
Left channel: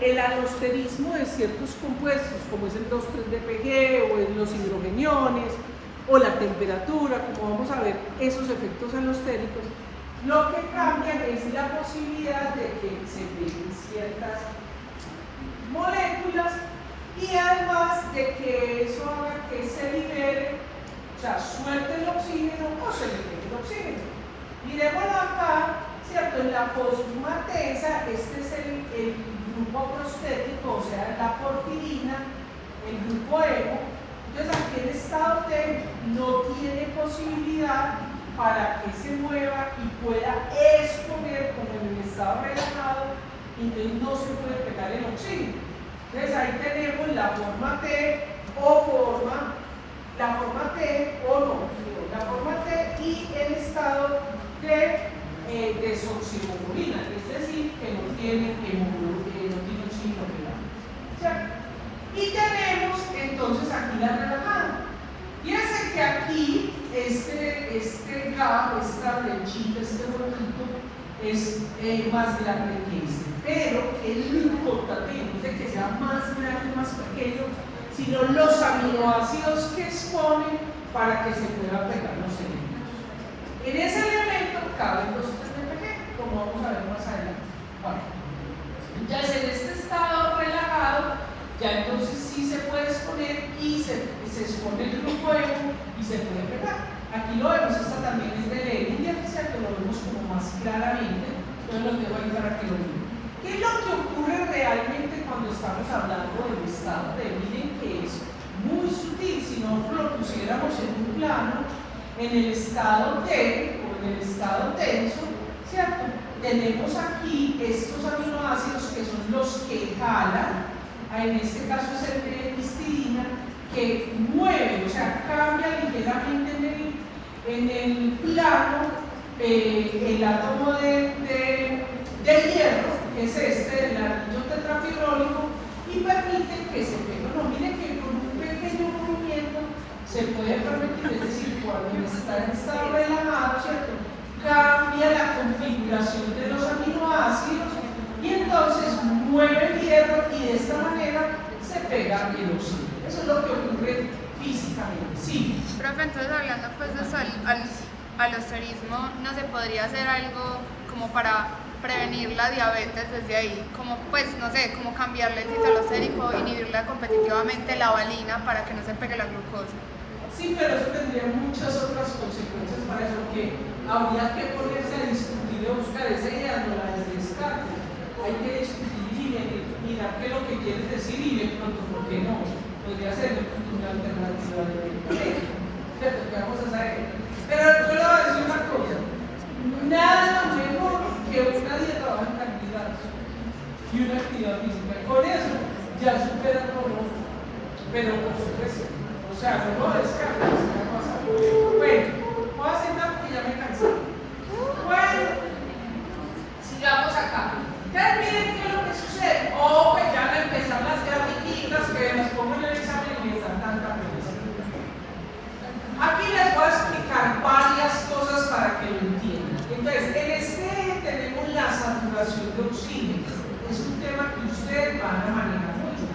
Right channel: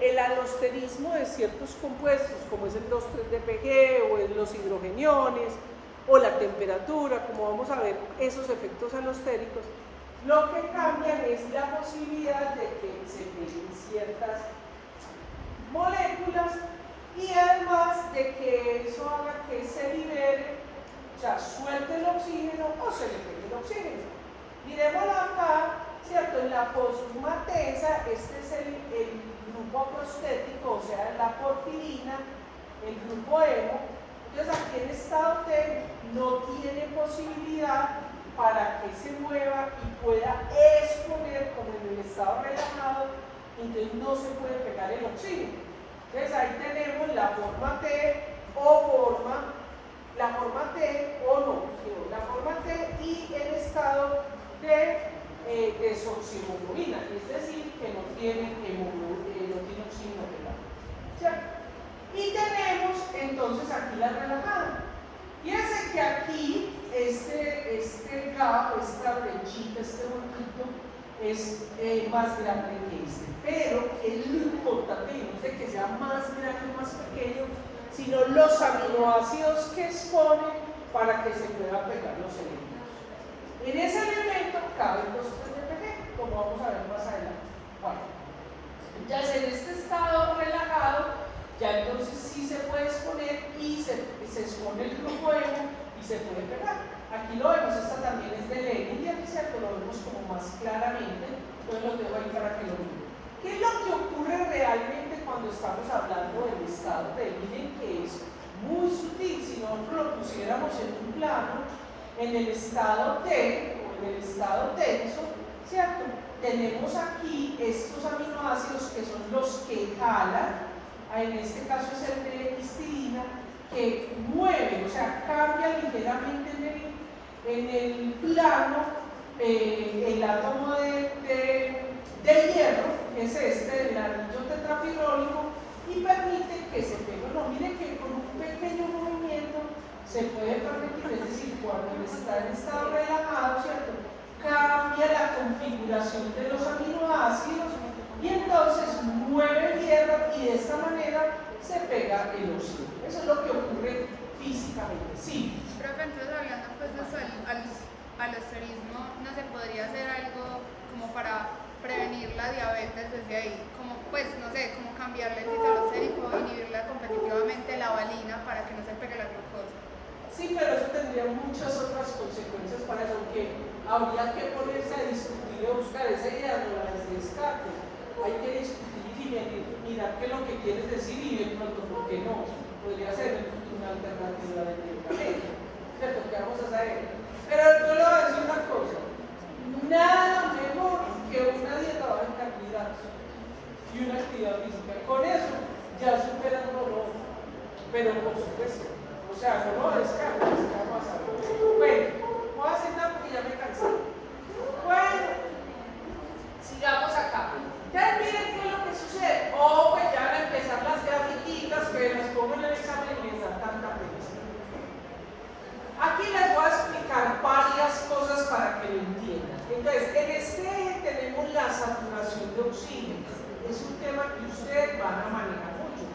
el alosterismo de ciertos compuestos, como es el 2,3 dPg o es los hidrogeniones o la temperatura, como vamos a ver esos efectos alostéricos, lo que cambia es la posibilidad de que se peguen ciertas moléculas y además de que eso haga que se libere, o sea, suelte el oxígeno o se libere el oxígeno. Miremoslo acá, ¿cierto? En la fosfatasa, este es el grupo prostético, o sea, la porfirina, el grupo hemo. Entonces aquí en estado T no tiene posibilidad para que se mueva y pueda escoger como en el estado relajado, entonces no se puede pegar el oxígeno. Entonces ahí tenemos la forma T o forma, la forma T o no, la forma T y el estado de desoxirribonucleina, es decir, que no tiene oxígeno pegado. Y tenemos entonces aquí la relajada. Fíjense que aquí este GAP, esta flechita, este botito, es más grande que este. Pero el importante no es de que sea más grande, más pequeño, sino los aminoácidos que exponen para que se puedan pegar los elementos. En ese elemento caben los 3 dPg, como vamos a ver más adelante. Bueno, entonces en este estado relajado, ya entonces sí se puede exponer y se expone el grupo hemo y se puede pegar. Aquí lo vemos, esta también es de Leninger, que lo vemos como más claramente, entonces lo dejo ahí para que lo vean. ¿Qué es lo que ocurre realmente cuando estamos hablando del estado T? Miren que es muy sutil. Si nosotros lo pusiéramos en un plano, en el estado T o en el estado tenso, ¿cierto? Tenemos aquí estos aminoácidos que son los que jalan, en este caso es el de histidina, que mueve, o sea, cambia ligeramente en el plano el átomo de hierro, que es este, el anillo tetrafibrólico, y permite que se pegue. No, miren que con un pequeño movimiento se puede permitir, es decir, cuando está en estado relajado, ¿cierto? Cambia la configuración de los aminoácidos y entonces mueve el hierro y de esta manera se pega el oxígeno. Eso es lo que ocurre físicamente. Sí. Profe, entonces hablando pues de eso, al alosterismo, ¿no se podría hacer algo como para prevenir la diabetes desde ahí? Como pues, no sé, como cambiarle el citalostérico, inhibirla competitivamente la valina para que no se pegue la glucosa. Sí, pero eso tendría muchas otras consecuencias para eso, que habría que ponerse a discutir y buscar esa idea, no la descarta. Hay que discutir y mirar qué es lo que quieres decir y de pronto, ¿por qué no? Podría ser una alternativa de ¿cierto? ¿Qué vamos a hacer? Pero yo le voy a decir una cosa, nada mejor que una dieta baja en carbohidratos y una actividad física. Con eso ya supera todo, pero por supuesto. O sea, no descarga, bueno, voy a sentar porque ya me cansé. Bueno, sigamos acá. Entonces, miren qué es lo que sucede. Oh, pues ya van a empezar las grafiquitas que nos pongan el examen y están tanta cosa. Aquí les voy a explicar varias cosas para que lo entiendan. Entonces, en este eje tenemos la saturación de oxígeno. Es un tema que ustedes van a manejar mucho.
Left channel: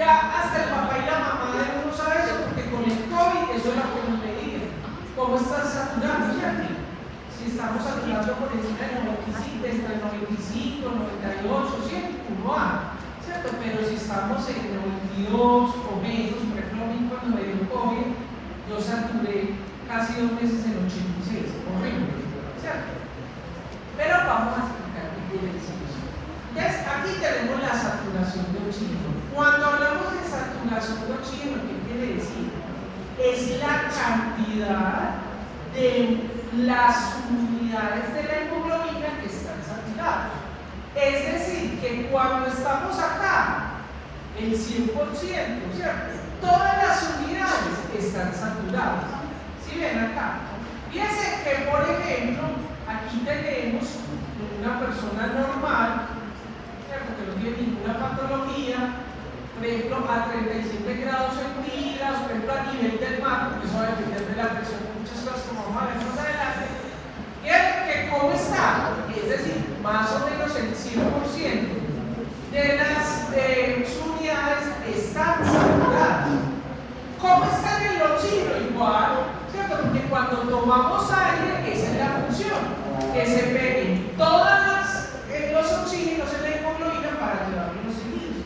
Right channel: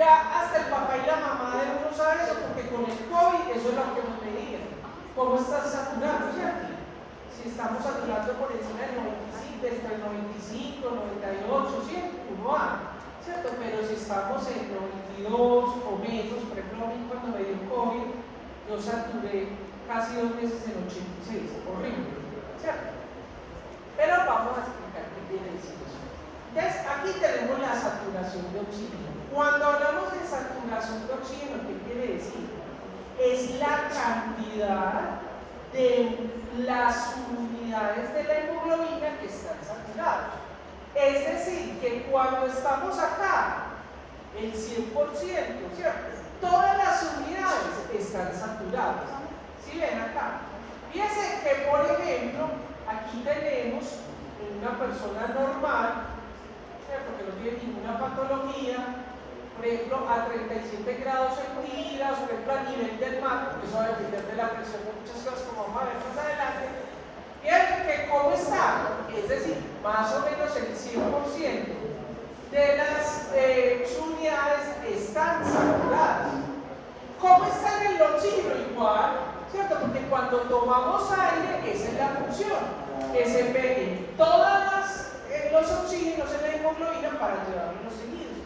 Ya hasta el papá y la mamá de uno sabe eso, porque con el COVID eso es lo que nos mediden. ¿Cómo están saturados? Si estamos saturando por encima del 95, entre 95, 98, 100, uno va, ¿cierto? Pero si estamos en 92 o menos, por ejemplo, a mí cuando me dio COVID, yo saturé casi 2 meses en 86, horrible, ¿cierto? Pero vamos a explicar qué quiere decir eso. Entonces, aquí tenemos la saturación de oxígeno. Cuando hablamos de saturación de oxígeno, ¿qué quiere decir? Es la cantidad de las unidades de la hemoglobina que están saturadas. Es decir, que cuando estamos acá, el 100%, ¿cierto? Todas las unidades están saturadas. ¿Sí ven acá? Fíjense que, por ejemplo, aquí tenemos una persona normal, ¿cierto? Que no tiene ninguna patología, por ejemplo, a 37 grados centígrados, por ejemplo, a nivel del mar, porque eso va a depender de la presión, muchas cosas como vamos a ver más adelante. Fíjense que cómo está, es decir, más o menos el 100% de las unidades están saturadas. ¿Cómo está en el oxígeno? Igual, ¿cierto? Porque cuando tomamos aire, esa es la función, que se peguen todos los oxígenos en la hemoglobina para llevarlos los tejidos.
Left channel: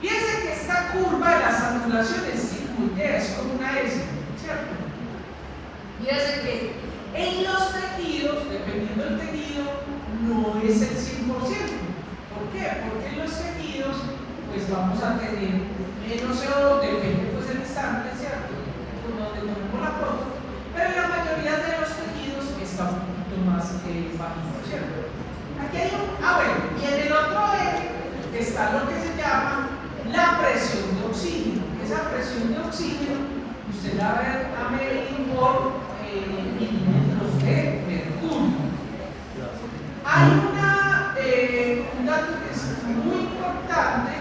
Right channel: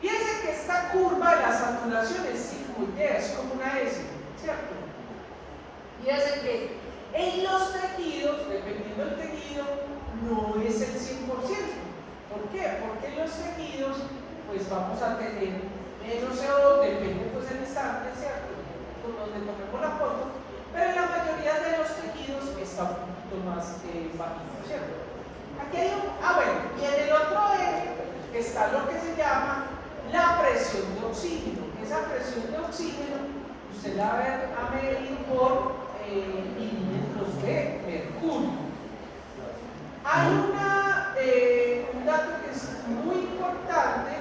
Fíjense que esta curva de la saturación es circular, es como una S, ¿cierto? Fíjense que en los tejidos, dependiendo del tejido, no es el 100%. ¿Por qué? Porque en los tejidos, pues vamos a tener menos CO2, depende pues del estante, ¿cierto? Donde tenemos la foto, pero la mayoría de los tejidos está un poquito más bajito, ¿cierto? Aquí hay un, bueno, y en el otro eje está lo que se llama la presión de oxígeno. Esa presión de oxígeno, usted la ve a medir por milímetros de mercurio. Hay un dato que es muy importante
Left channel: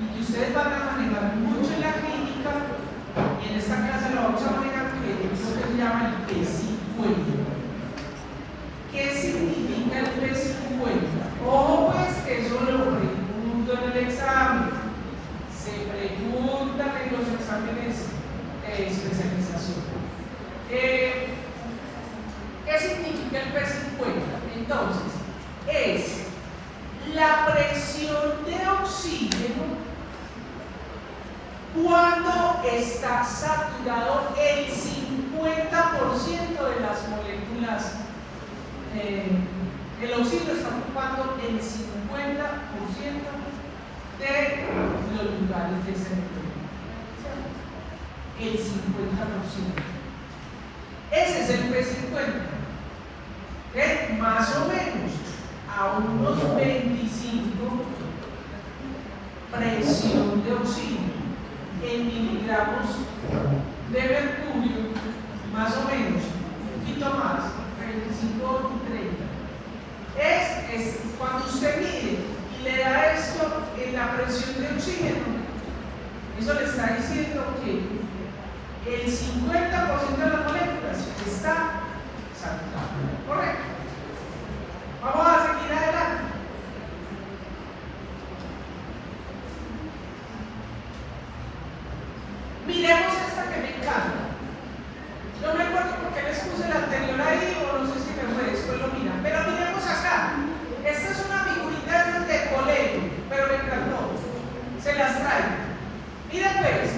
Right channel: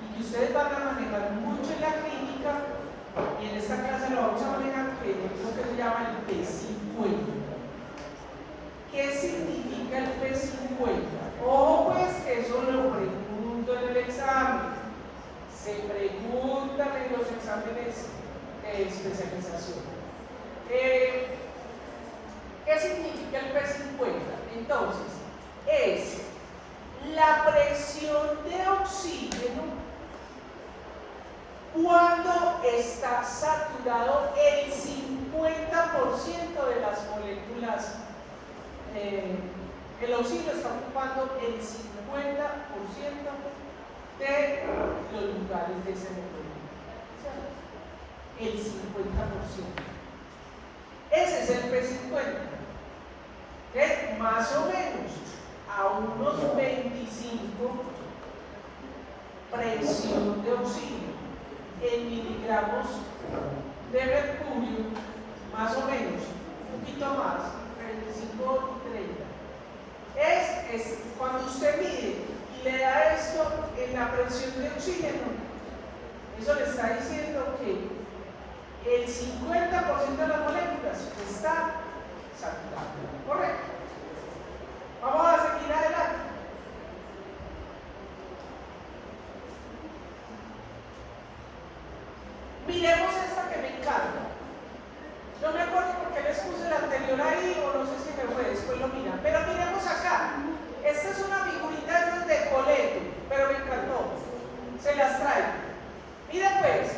y que ustedes van a manejar mucho en la clínica, y en esta clase lo vamos a manejar, que es lo que se llama el P50. ¿Qué significa el P50? Ojo pues que eso lo pregunto en el examen, se preguntan en los exámenes de especialización. ¿Qué significa el P50? Entonces, es la presión de oxígeno cuando está saturado el 50% de las moléculas. El oxígeno está ocupando el 50% de los lugares de ese el 50%. Ese es el P50. Más o menos a unos 25 presión de oxígeno en miligramos de mercurio, más o menos, un poquito más, 35 o 30. Es cuando usted mide y le da esto en la presión de oxígeno, eso le está diciendo que el 50% de las moléculas está saturado. ¿Correcto? Vamos a seguir adelante. Miremos esta que me encanta. No me acuerdo por qué les puse la anterior ahí, o no sé si después lo miran. Pero miremos acá. Esta es una figurita de colegio, pero me encantó. Se las traigo. Miren pues,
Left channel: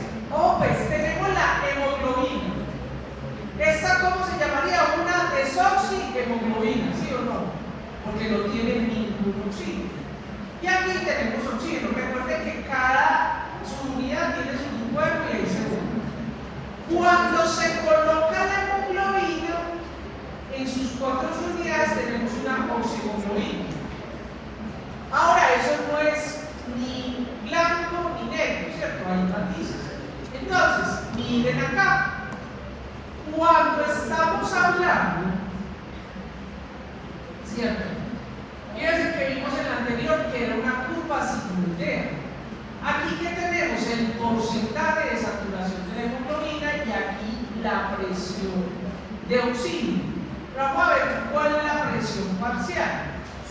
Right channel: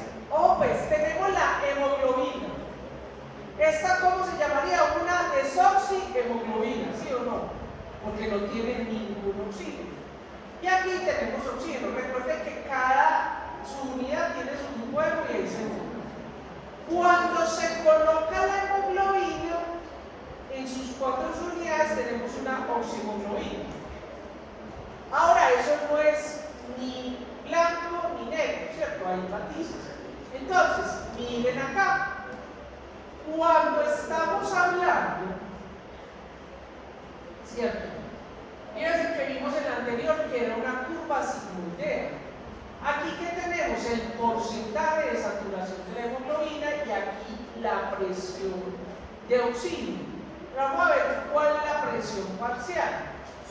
pues tenemos la hemoglobina. ¿Esta cómo se llamaría? Una desoxihemoglobina, ¿sí o no? Porque no tiene ningún oxígeno. Y aquí tenemos oxígeno. Recuerden que cada unidad tiene su cuerpo y el segundo. Cuando se coloca la hemoglobina, en sus 4 unidades tenemos una oxihemoglobina. Ahora, eso no es ni blanco ni negro, ¿cierto? Hay matices. Entonces, miren acá. Cuando estamos hablando, ¿cierto? Fíjense que vimos en la anterior que era una curva simultánea. Aquí que tenemos el porcentaje de saturación de hemoglobina y aquí la presión de oxígeno. Pero vamos a ver cuál es la presión parcial.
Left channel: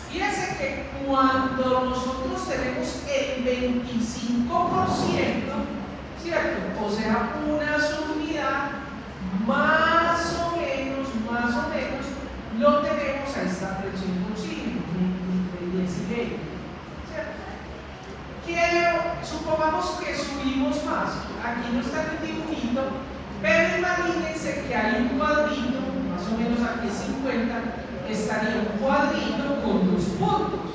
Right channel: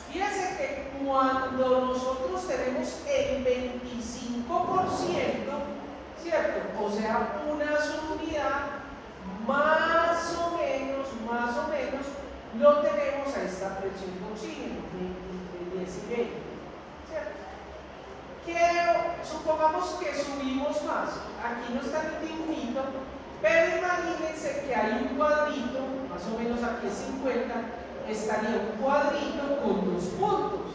Fíjense que cuando nosotros tenemos el 25%, ¿cierto? O sea, una subunidad, más o menos, lo tenemos a esta presión de oxígeno, el decibelio, ¿cierto? Supongamos que subimos más, aquí no está el dibujito, Pero imagínense que hay un cuadrito, más o menos aquí 50, estaría un cuadrito con 2 puntos,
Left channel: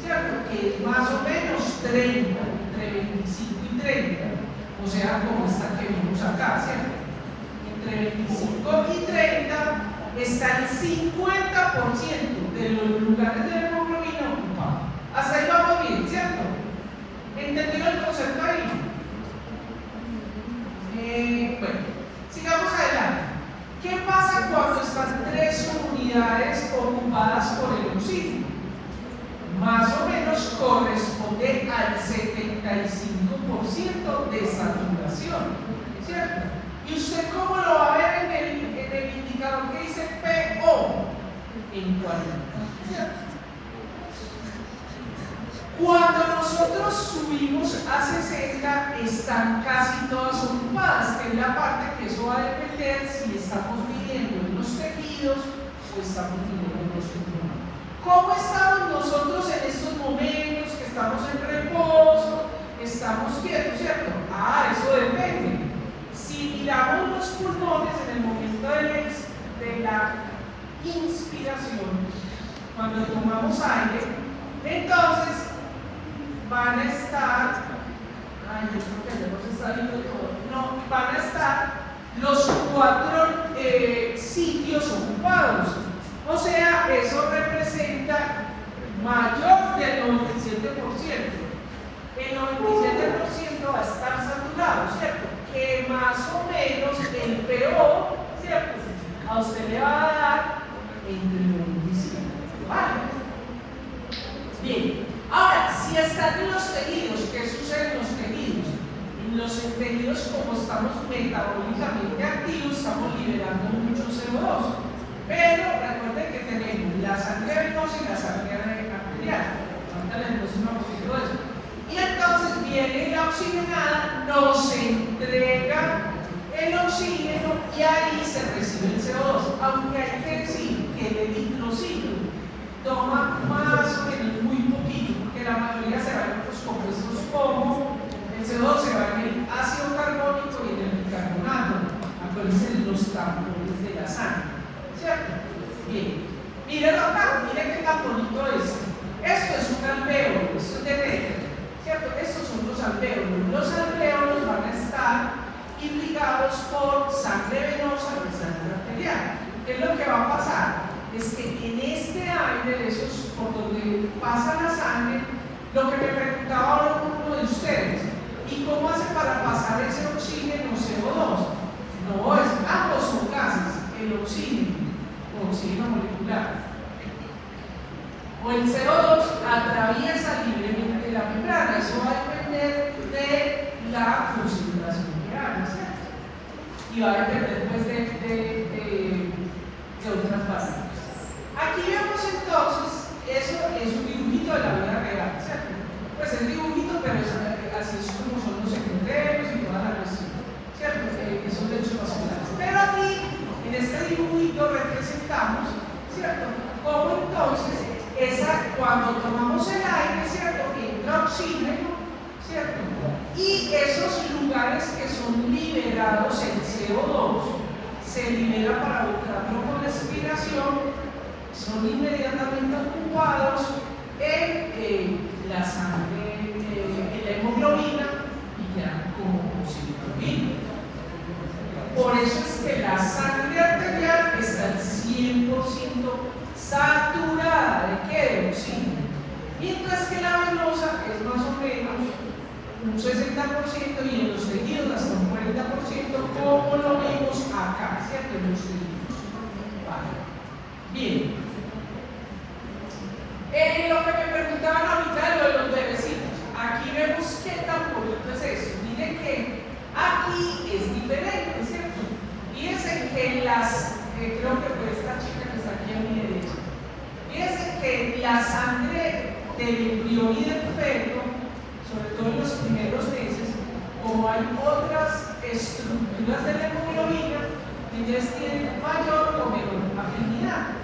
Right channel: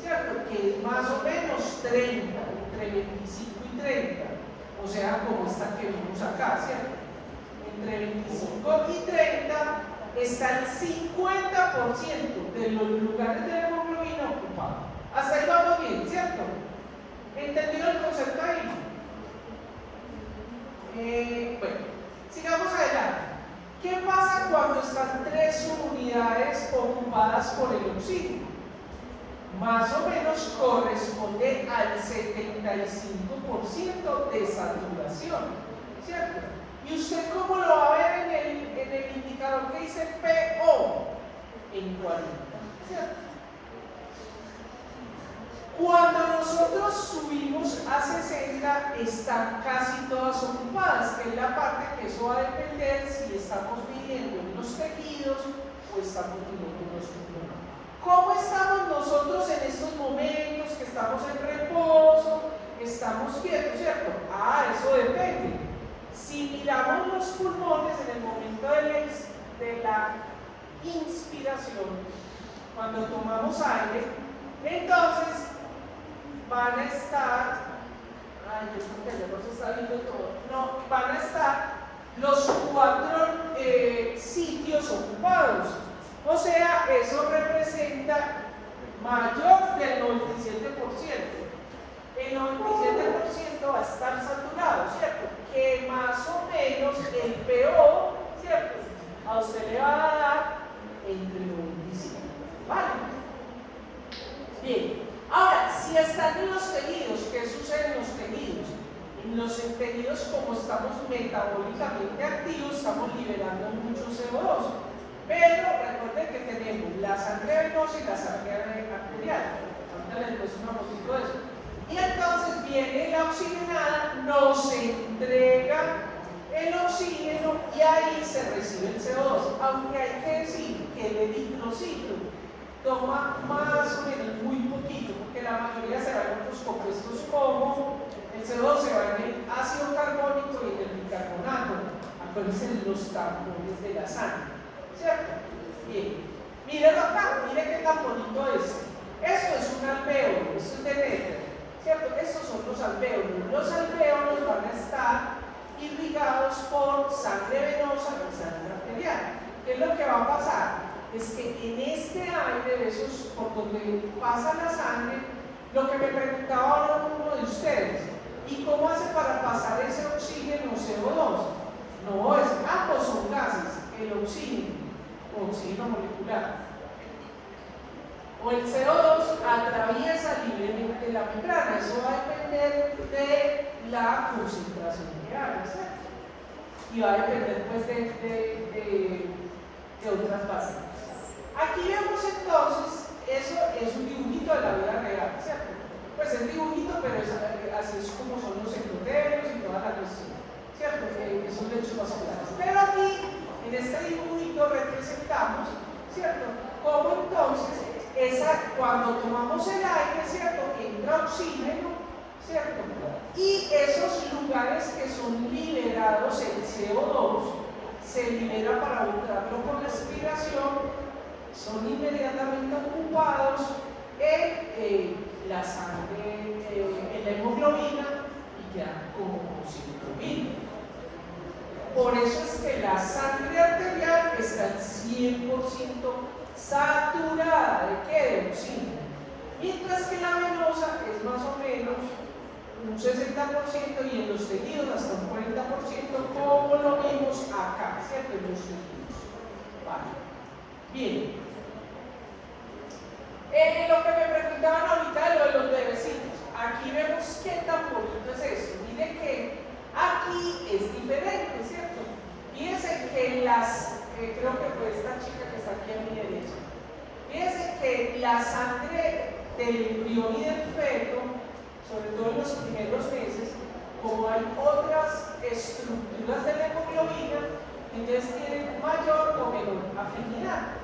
¿cierto? Que es más o menos 30, entre 25 y 30, o sea, como esta que vimos acá, ¿cierto? Entre 25 y 30 está el 50% de los lugares de la hemoglobina ocupados. Hasta ahí vamos bien, ¿cierto? ¿Entendieron el concepto ahí? Bueno, sigamos adelante. ¿Qué pasa cuando están 3 comunidades ocupadas por el oxígeno? Más o menos corresponde al 75% de saturación, ¿cierto? ¿Y usted cómo lo va a ver en el indicador que dice PO? En 40, ¿cierto? Cuando nosotros subimos a 60, están casi todas ocupadas, que es la parte que eso va a depender si estamos midiendo en los tejidos o estamos midiendo en los pulmones. ¿Cómo estamos nosotros en estos momentos que estamos en reposo? Estamos quietos, ¿cierto? Eso depende. Si miramos los pulmones en el momento de la inspiración, cuando tomamos aire, entonces van a estar, yo creo que ya nos está viendo todo, no, van a estar los 4 sitios ocupados. O sea, eso representa mayor del 97%. El 97% va a estar saturado, ¿cierto? Que más o menos el PO, ¿cierto? A usted le va a dar entre el 95, ¿vale? Bien, ahora, si están en los tejidos, ¿qué sucede en los tejidos? En los tejidos, como estamos metabólicamente activos, estamos liberando mucho CO2. Pero recuerden que tenemos la sangre venosa y la sangre arterial. Ahorita les muestro una foto de eso. Y entonces viene la oxigenada, nos entrega el oxígeno y ahí se recibe el CO2. Aunque hay que decir que el eritrocito toma más o menos muy poquito, porque la mayoría se va en los compuestos como el CO2 se va en el ácido carbónico y en el bicarbonato. Acuérdense de los tampones de la sangre, ¿cierto? Bien, miren acá, miren qué tan bonito es. Esto es un alvéolo, esto es de Mendel, ¿cierto? Estos son los alvéolos. Los alvéolos van a estar irrigados por sangre venosa y sangre arterial. ¿Qué es lo que va a pasar? Es que en este aire, esos por donde pasa la sangre, lo que me preguntaba ahora uno de ustedes, ¿y cómo hace para pasar ese oxígeno CO2? No, es ambos son gases, el oxígeno molecular o el CO2 atraviesa libremente la membrana. Eso va a depender de la concentración que haga, ¿cierto? Y va a depender pues de otras bases. Aquí vemos entonces, eso es un dibujito de la vida real, ¿cierto? Pues es dibujito, pero así es como son los secundarios y todas las cosas, ¿cierto? Esos hechos racionales. Pero aquí, en este dibujito representamos, ¿cierto? Como entonces, cuando tomamos el aire, ¿cierto? Entra oxígeno, ¿cierto? Y esos lugares que son liberados en CO2 se liberan para buscarlo con respiración, son inmediatamente ocupados en la sangre, en la hemoglobina y quedan como oxígeno. Por eso es que la sangre arterial está al 100% saturada de ¿qué? De oxígeno. Mientras que la venosa es más o menos un 60% y en los tejidos hasta un 40%, como lo vemos acá, ¿cierto? En los tejidos. Vale. Bien. Lo que me preguntaban ahorita de los bebecitos, aquí vemos qué tan bonito es eso. Miren que aquí es diferente, ¿cierto? Fíjense que creo que fue esta chica que está aquí a mi derecha. Fíjense que la sangre del embrión y del feto, sobre todo en los primeros meses, como hay otras estructuras de la hemoglobina, ellas tienen mayor o menor afinidad.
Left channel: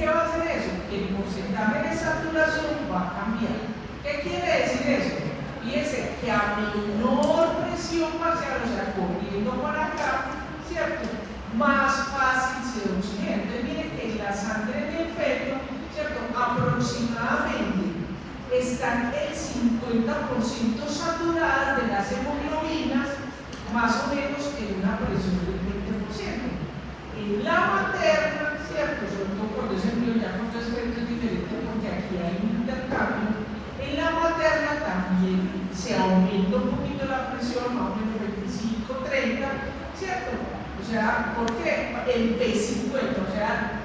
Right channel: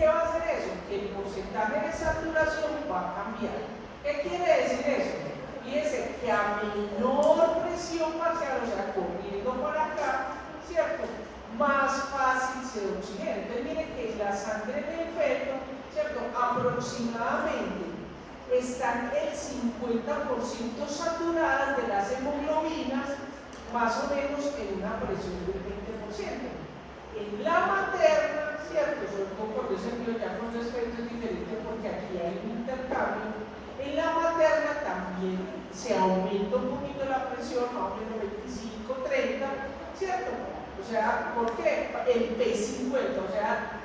¿Qué va a hacer eso? Que el porcentaje de saturación va a cambiar. ¿Qué quiere decir eso? Fíjense que a menor presión parcial, o sea, corriendo para acá, ¿cierto? Más fácil se oxigena. Entonces, miren que la sangre del feto, ¿cierto? Aproximadamente están el 50% saturadas de las hemoglobinas, más o menos en una presión del 20%. En la materna, ¿cierto? Sobre todo cuando es el niño ya con aspectos diferentes, porque aquí hay un intercambio. En la materna también se aumenta un poquito la presión, más o menos 25-30, ¿cierto? O sea, ¿por qué? El P50, o sea,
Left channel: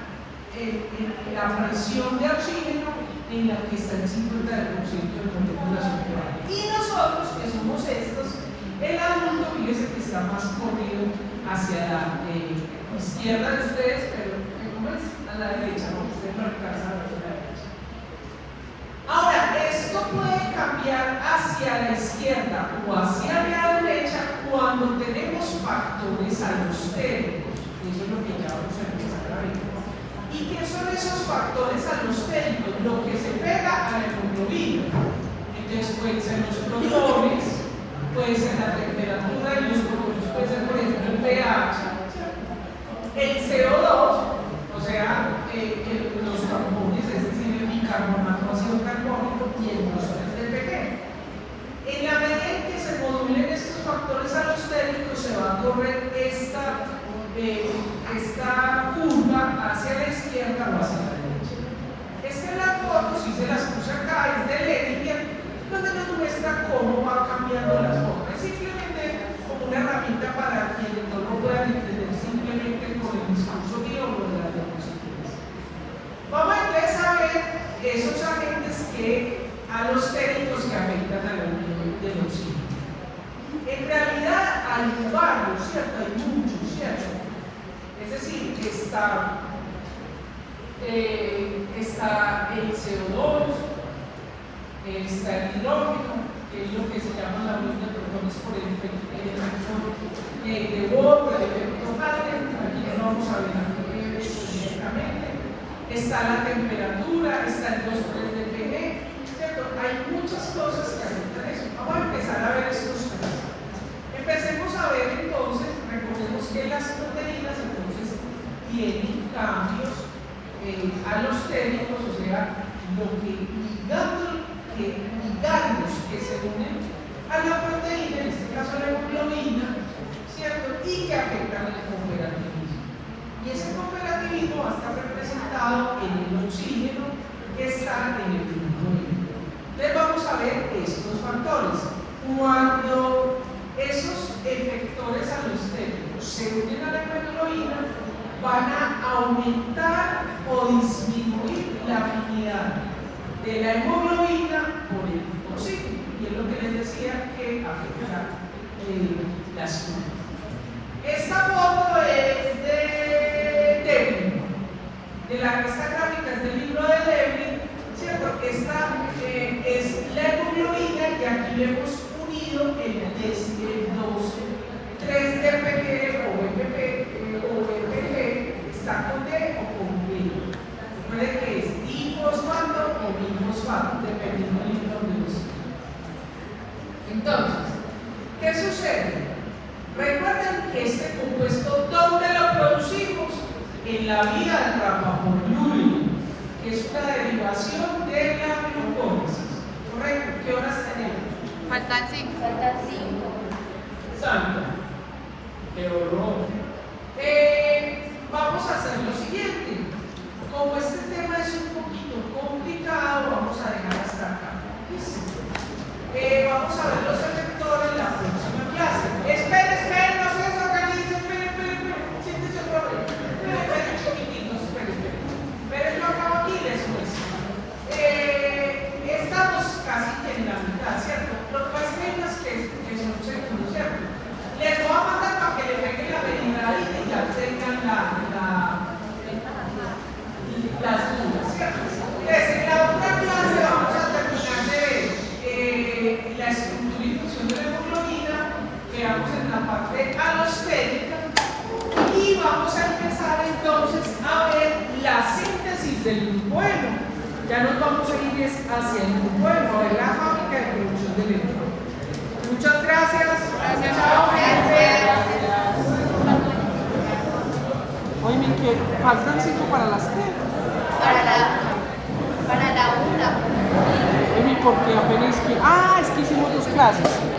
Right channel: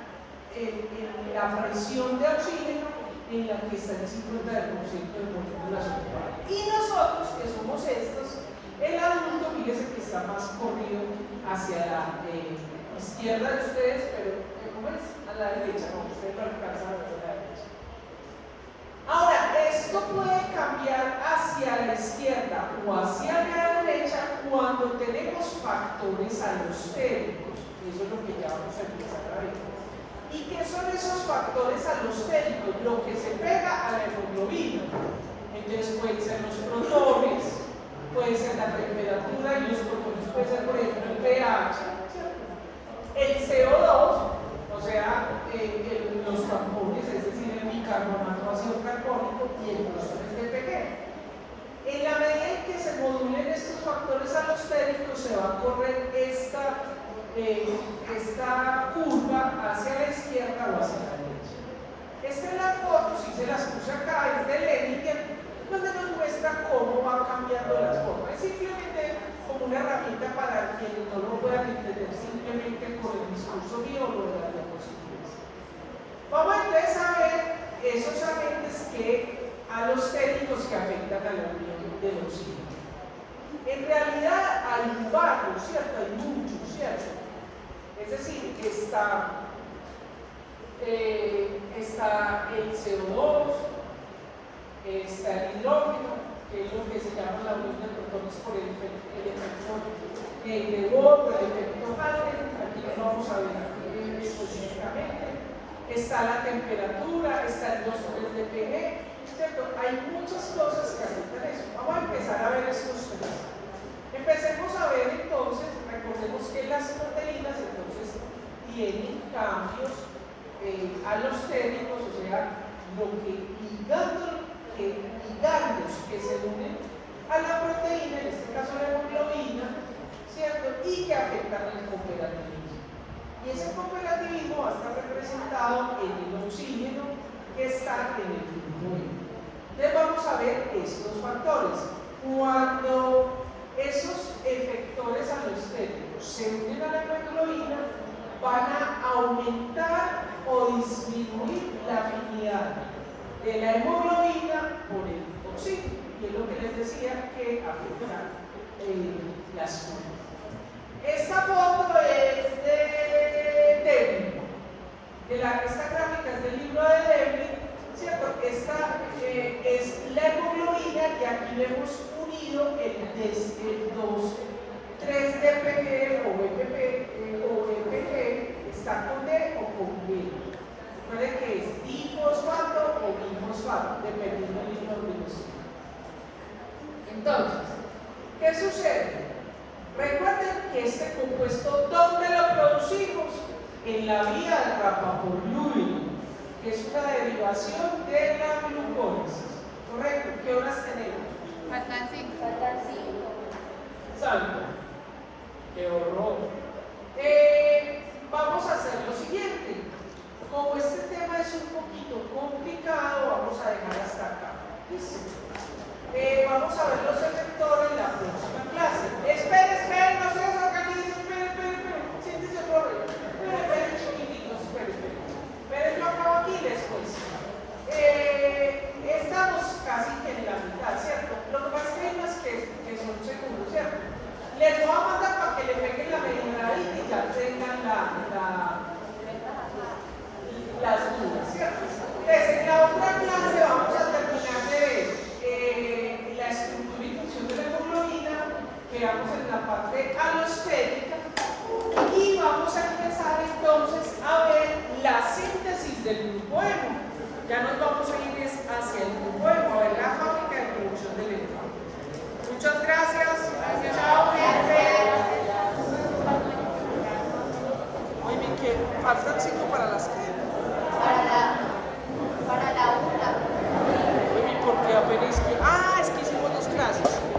la presión de oxígeno en la que está el 50% de la población. Y nosotros, que somos estos, el adulto, fíjense que está más corrido hacia la izquierda de ustedes, pero ¿cómo es? A la derecha, no, usted no alcanza a ver a la derecha. Ahora, esto puede cambiar hacia la izquierda o hacia la derecha cuando tenemos factores alostéricos. Eso es lo que ya vamos a empezar a ver. ¿Y qué son esos factores alostéricos? Lo que se pega a la hemoglobina. Entonces pueden ser los protones, puede ser la temperatura y los protones puede ser, por ejemplo, el pH, el CO2, o sea, los carbones, es decir, el bicarbonato ácido carbónico y el glutamato de pequeño. En la medida en que se modulen estos factores alostéricos, se va a correr esta curva hacia la izquierda o hacia la derecha. Esta es la foto, si se las puse acá, es de Lettinger, donde nos muestra cómo va cambiando las formas. Es simplemente como una herramienta para que no lo puedan entender simplemente con el discurso mío o de las diapositivas. Vamos entonces a ver esos agentes alostéricos que afectan a la unión del oxígeno. En realidad hay varios, ¿cierto? Hay muchos, ¿cierto? Es decir, que está el CO2, está el hidrógeno, que es lo que se llama la unión de protones por el efecto de Bohr, por el efecto Raman, aquí no vamos a ver específicamente. Está la temperatura, está el 2,3 de pH, ¿cierto? Hay muchas cosas que afectan eso. Vamos a empezar a ver estos tres. Empecemos a ver entonces, recordemos que las proteínas entonces tienen cambios alostéricos, o sea, ligandos que se unen a la proteína, en este caso la hemoglobina, ¿cierto? Y que afectan el cooperativismo. Y ese cooperativismo va a estar representado en el oxígeno que está en el punto medio. Entonces vamos a ver estos factores. Cuando esos efectores alostéricos se unen a la hemoglobina, van a aumentar o disminuir la afinidad de la hemoglobina por el oxígeno. Y es lo que les decía que afecta las curvas. Esta foto es de Devlin, de la revista gráficas del libro de Devlin, ¿cierto? Esta es la hemoglobina y aquí le hemos unido el test de 3 de PG o MPG, está con D o con B. Recuerden que es difosfato o bifosfato, dependiendo del libro donde lo estudien. Entonces, ¿qué sucede? Recuerden que este compuesto, ¿dónde lo producimos? En la vía del rapamolúrico, que es una derivación de la glucólisis. ¿Correcto? ¿Qué horas tenemos? Faltan 5. Santo. Qué horror. Vamos a hacer lo siguiente. Como este tema es un poquito complicado, vamos a dejar hasta acá. Vamos a ver los efectores en la próxima clase. Esperen, no se desorganicen, esperen. Siéntense otra vez. Esperen, chiquititos, esperen. Pero yo acabo aquí y les muestro. Estamos casi que en la mitad, ¿cierto? Lo que pasa es que son seguros, ¿cierto? Les voy a mandar para que le peguen la medida y ya tengan las dudas, ¿cierto? Entonces, en la otra clase vamos a terminar de la estructura y función de la hemoglobina, quedamos en la parte alostérica y vamos a empezar entonces a ver la síntesis del glucógeno. Ya nos vamos a ir hacia el glucógeno, a ver la fábrica de producción del glucógeno. Muchas gracias. Chao, gente. Oye, que faltan 5 para las que. Para la una. Oye, porque apenas que. Ah, es que hicimos 2 clases.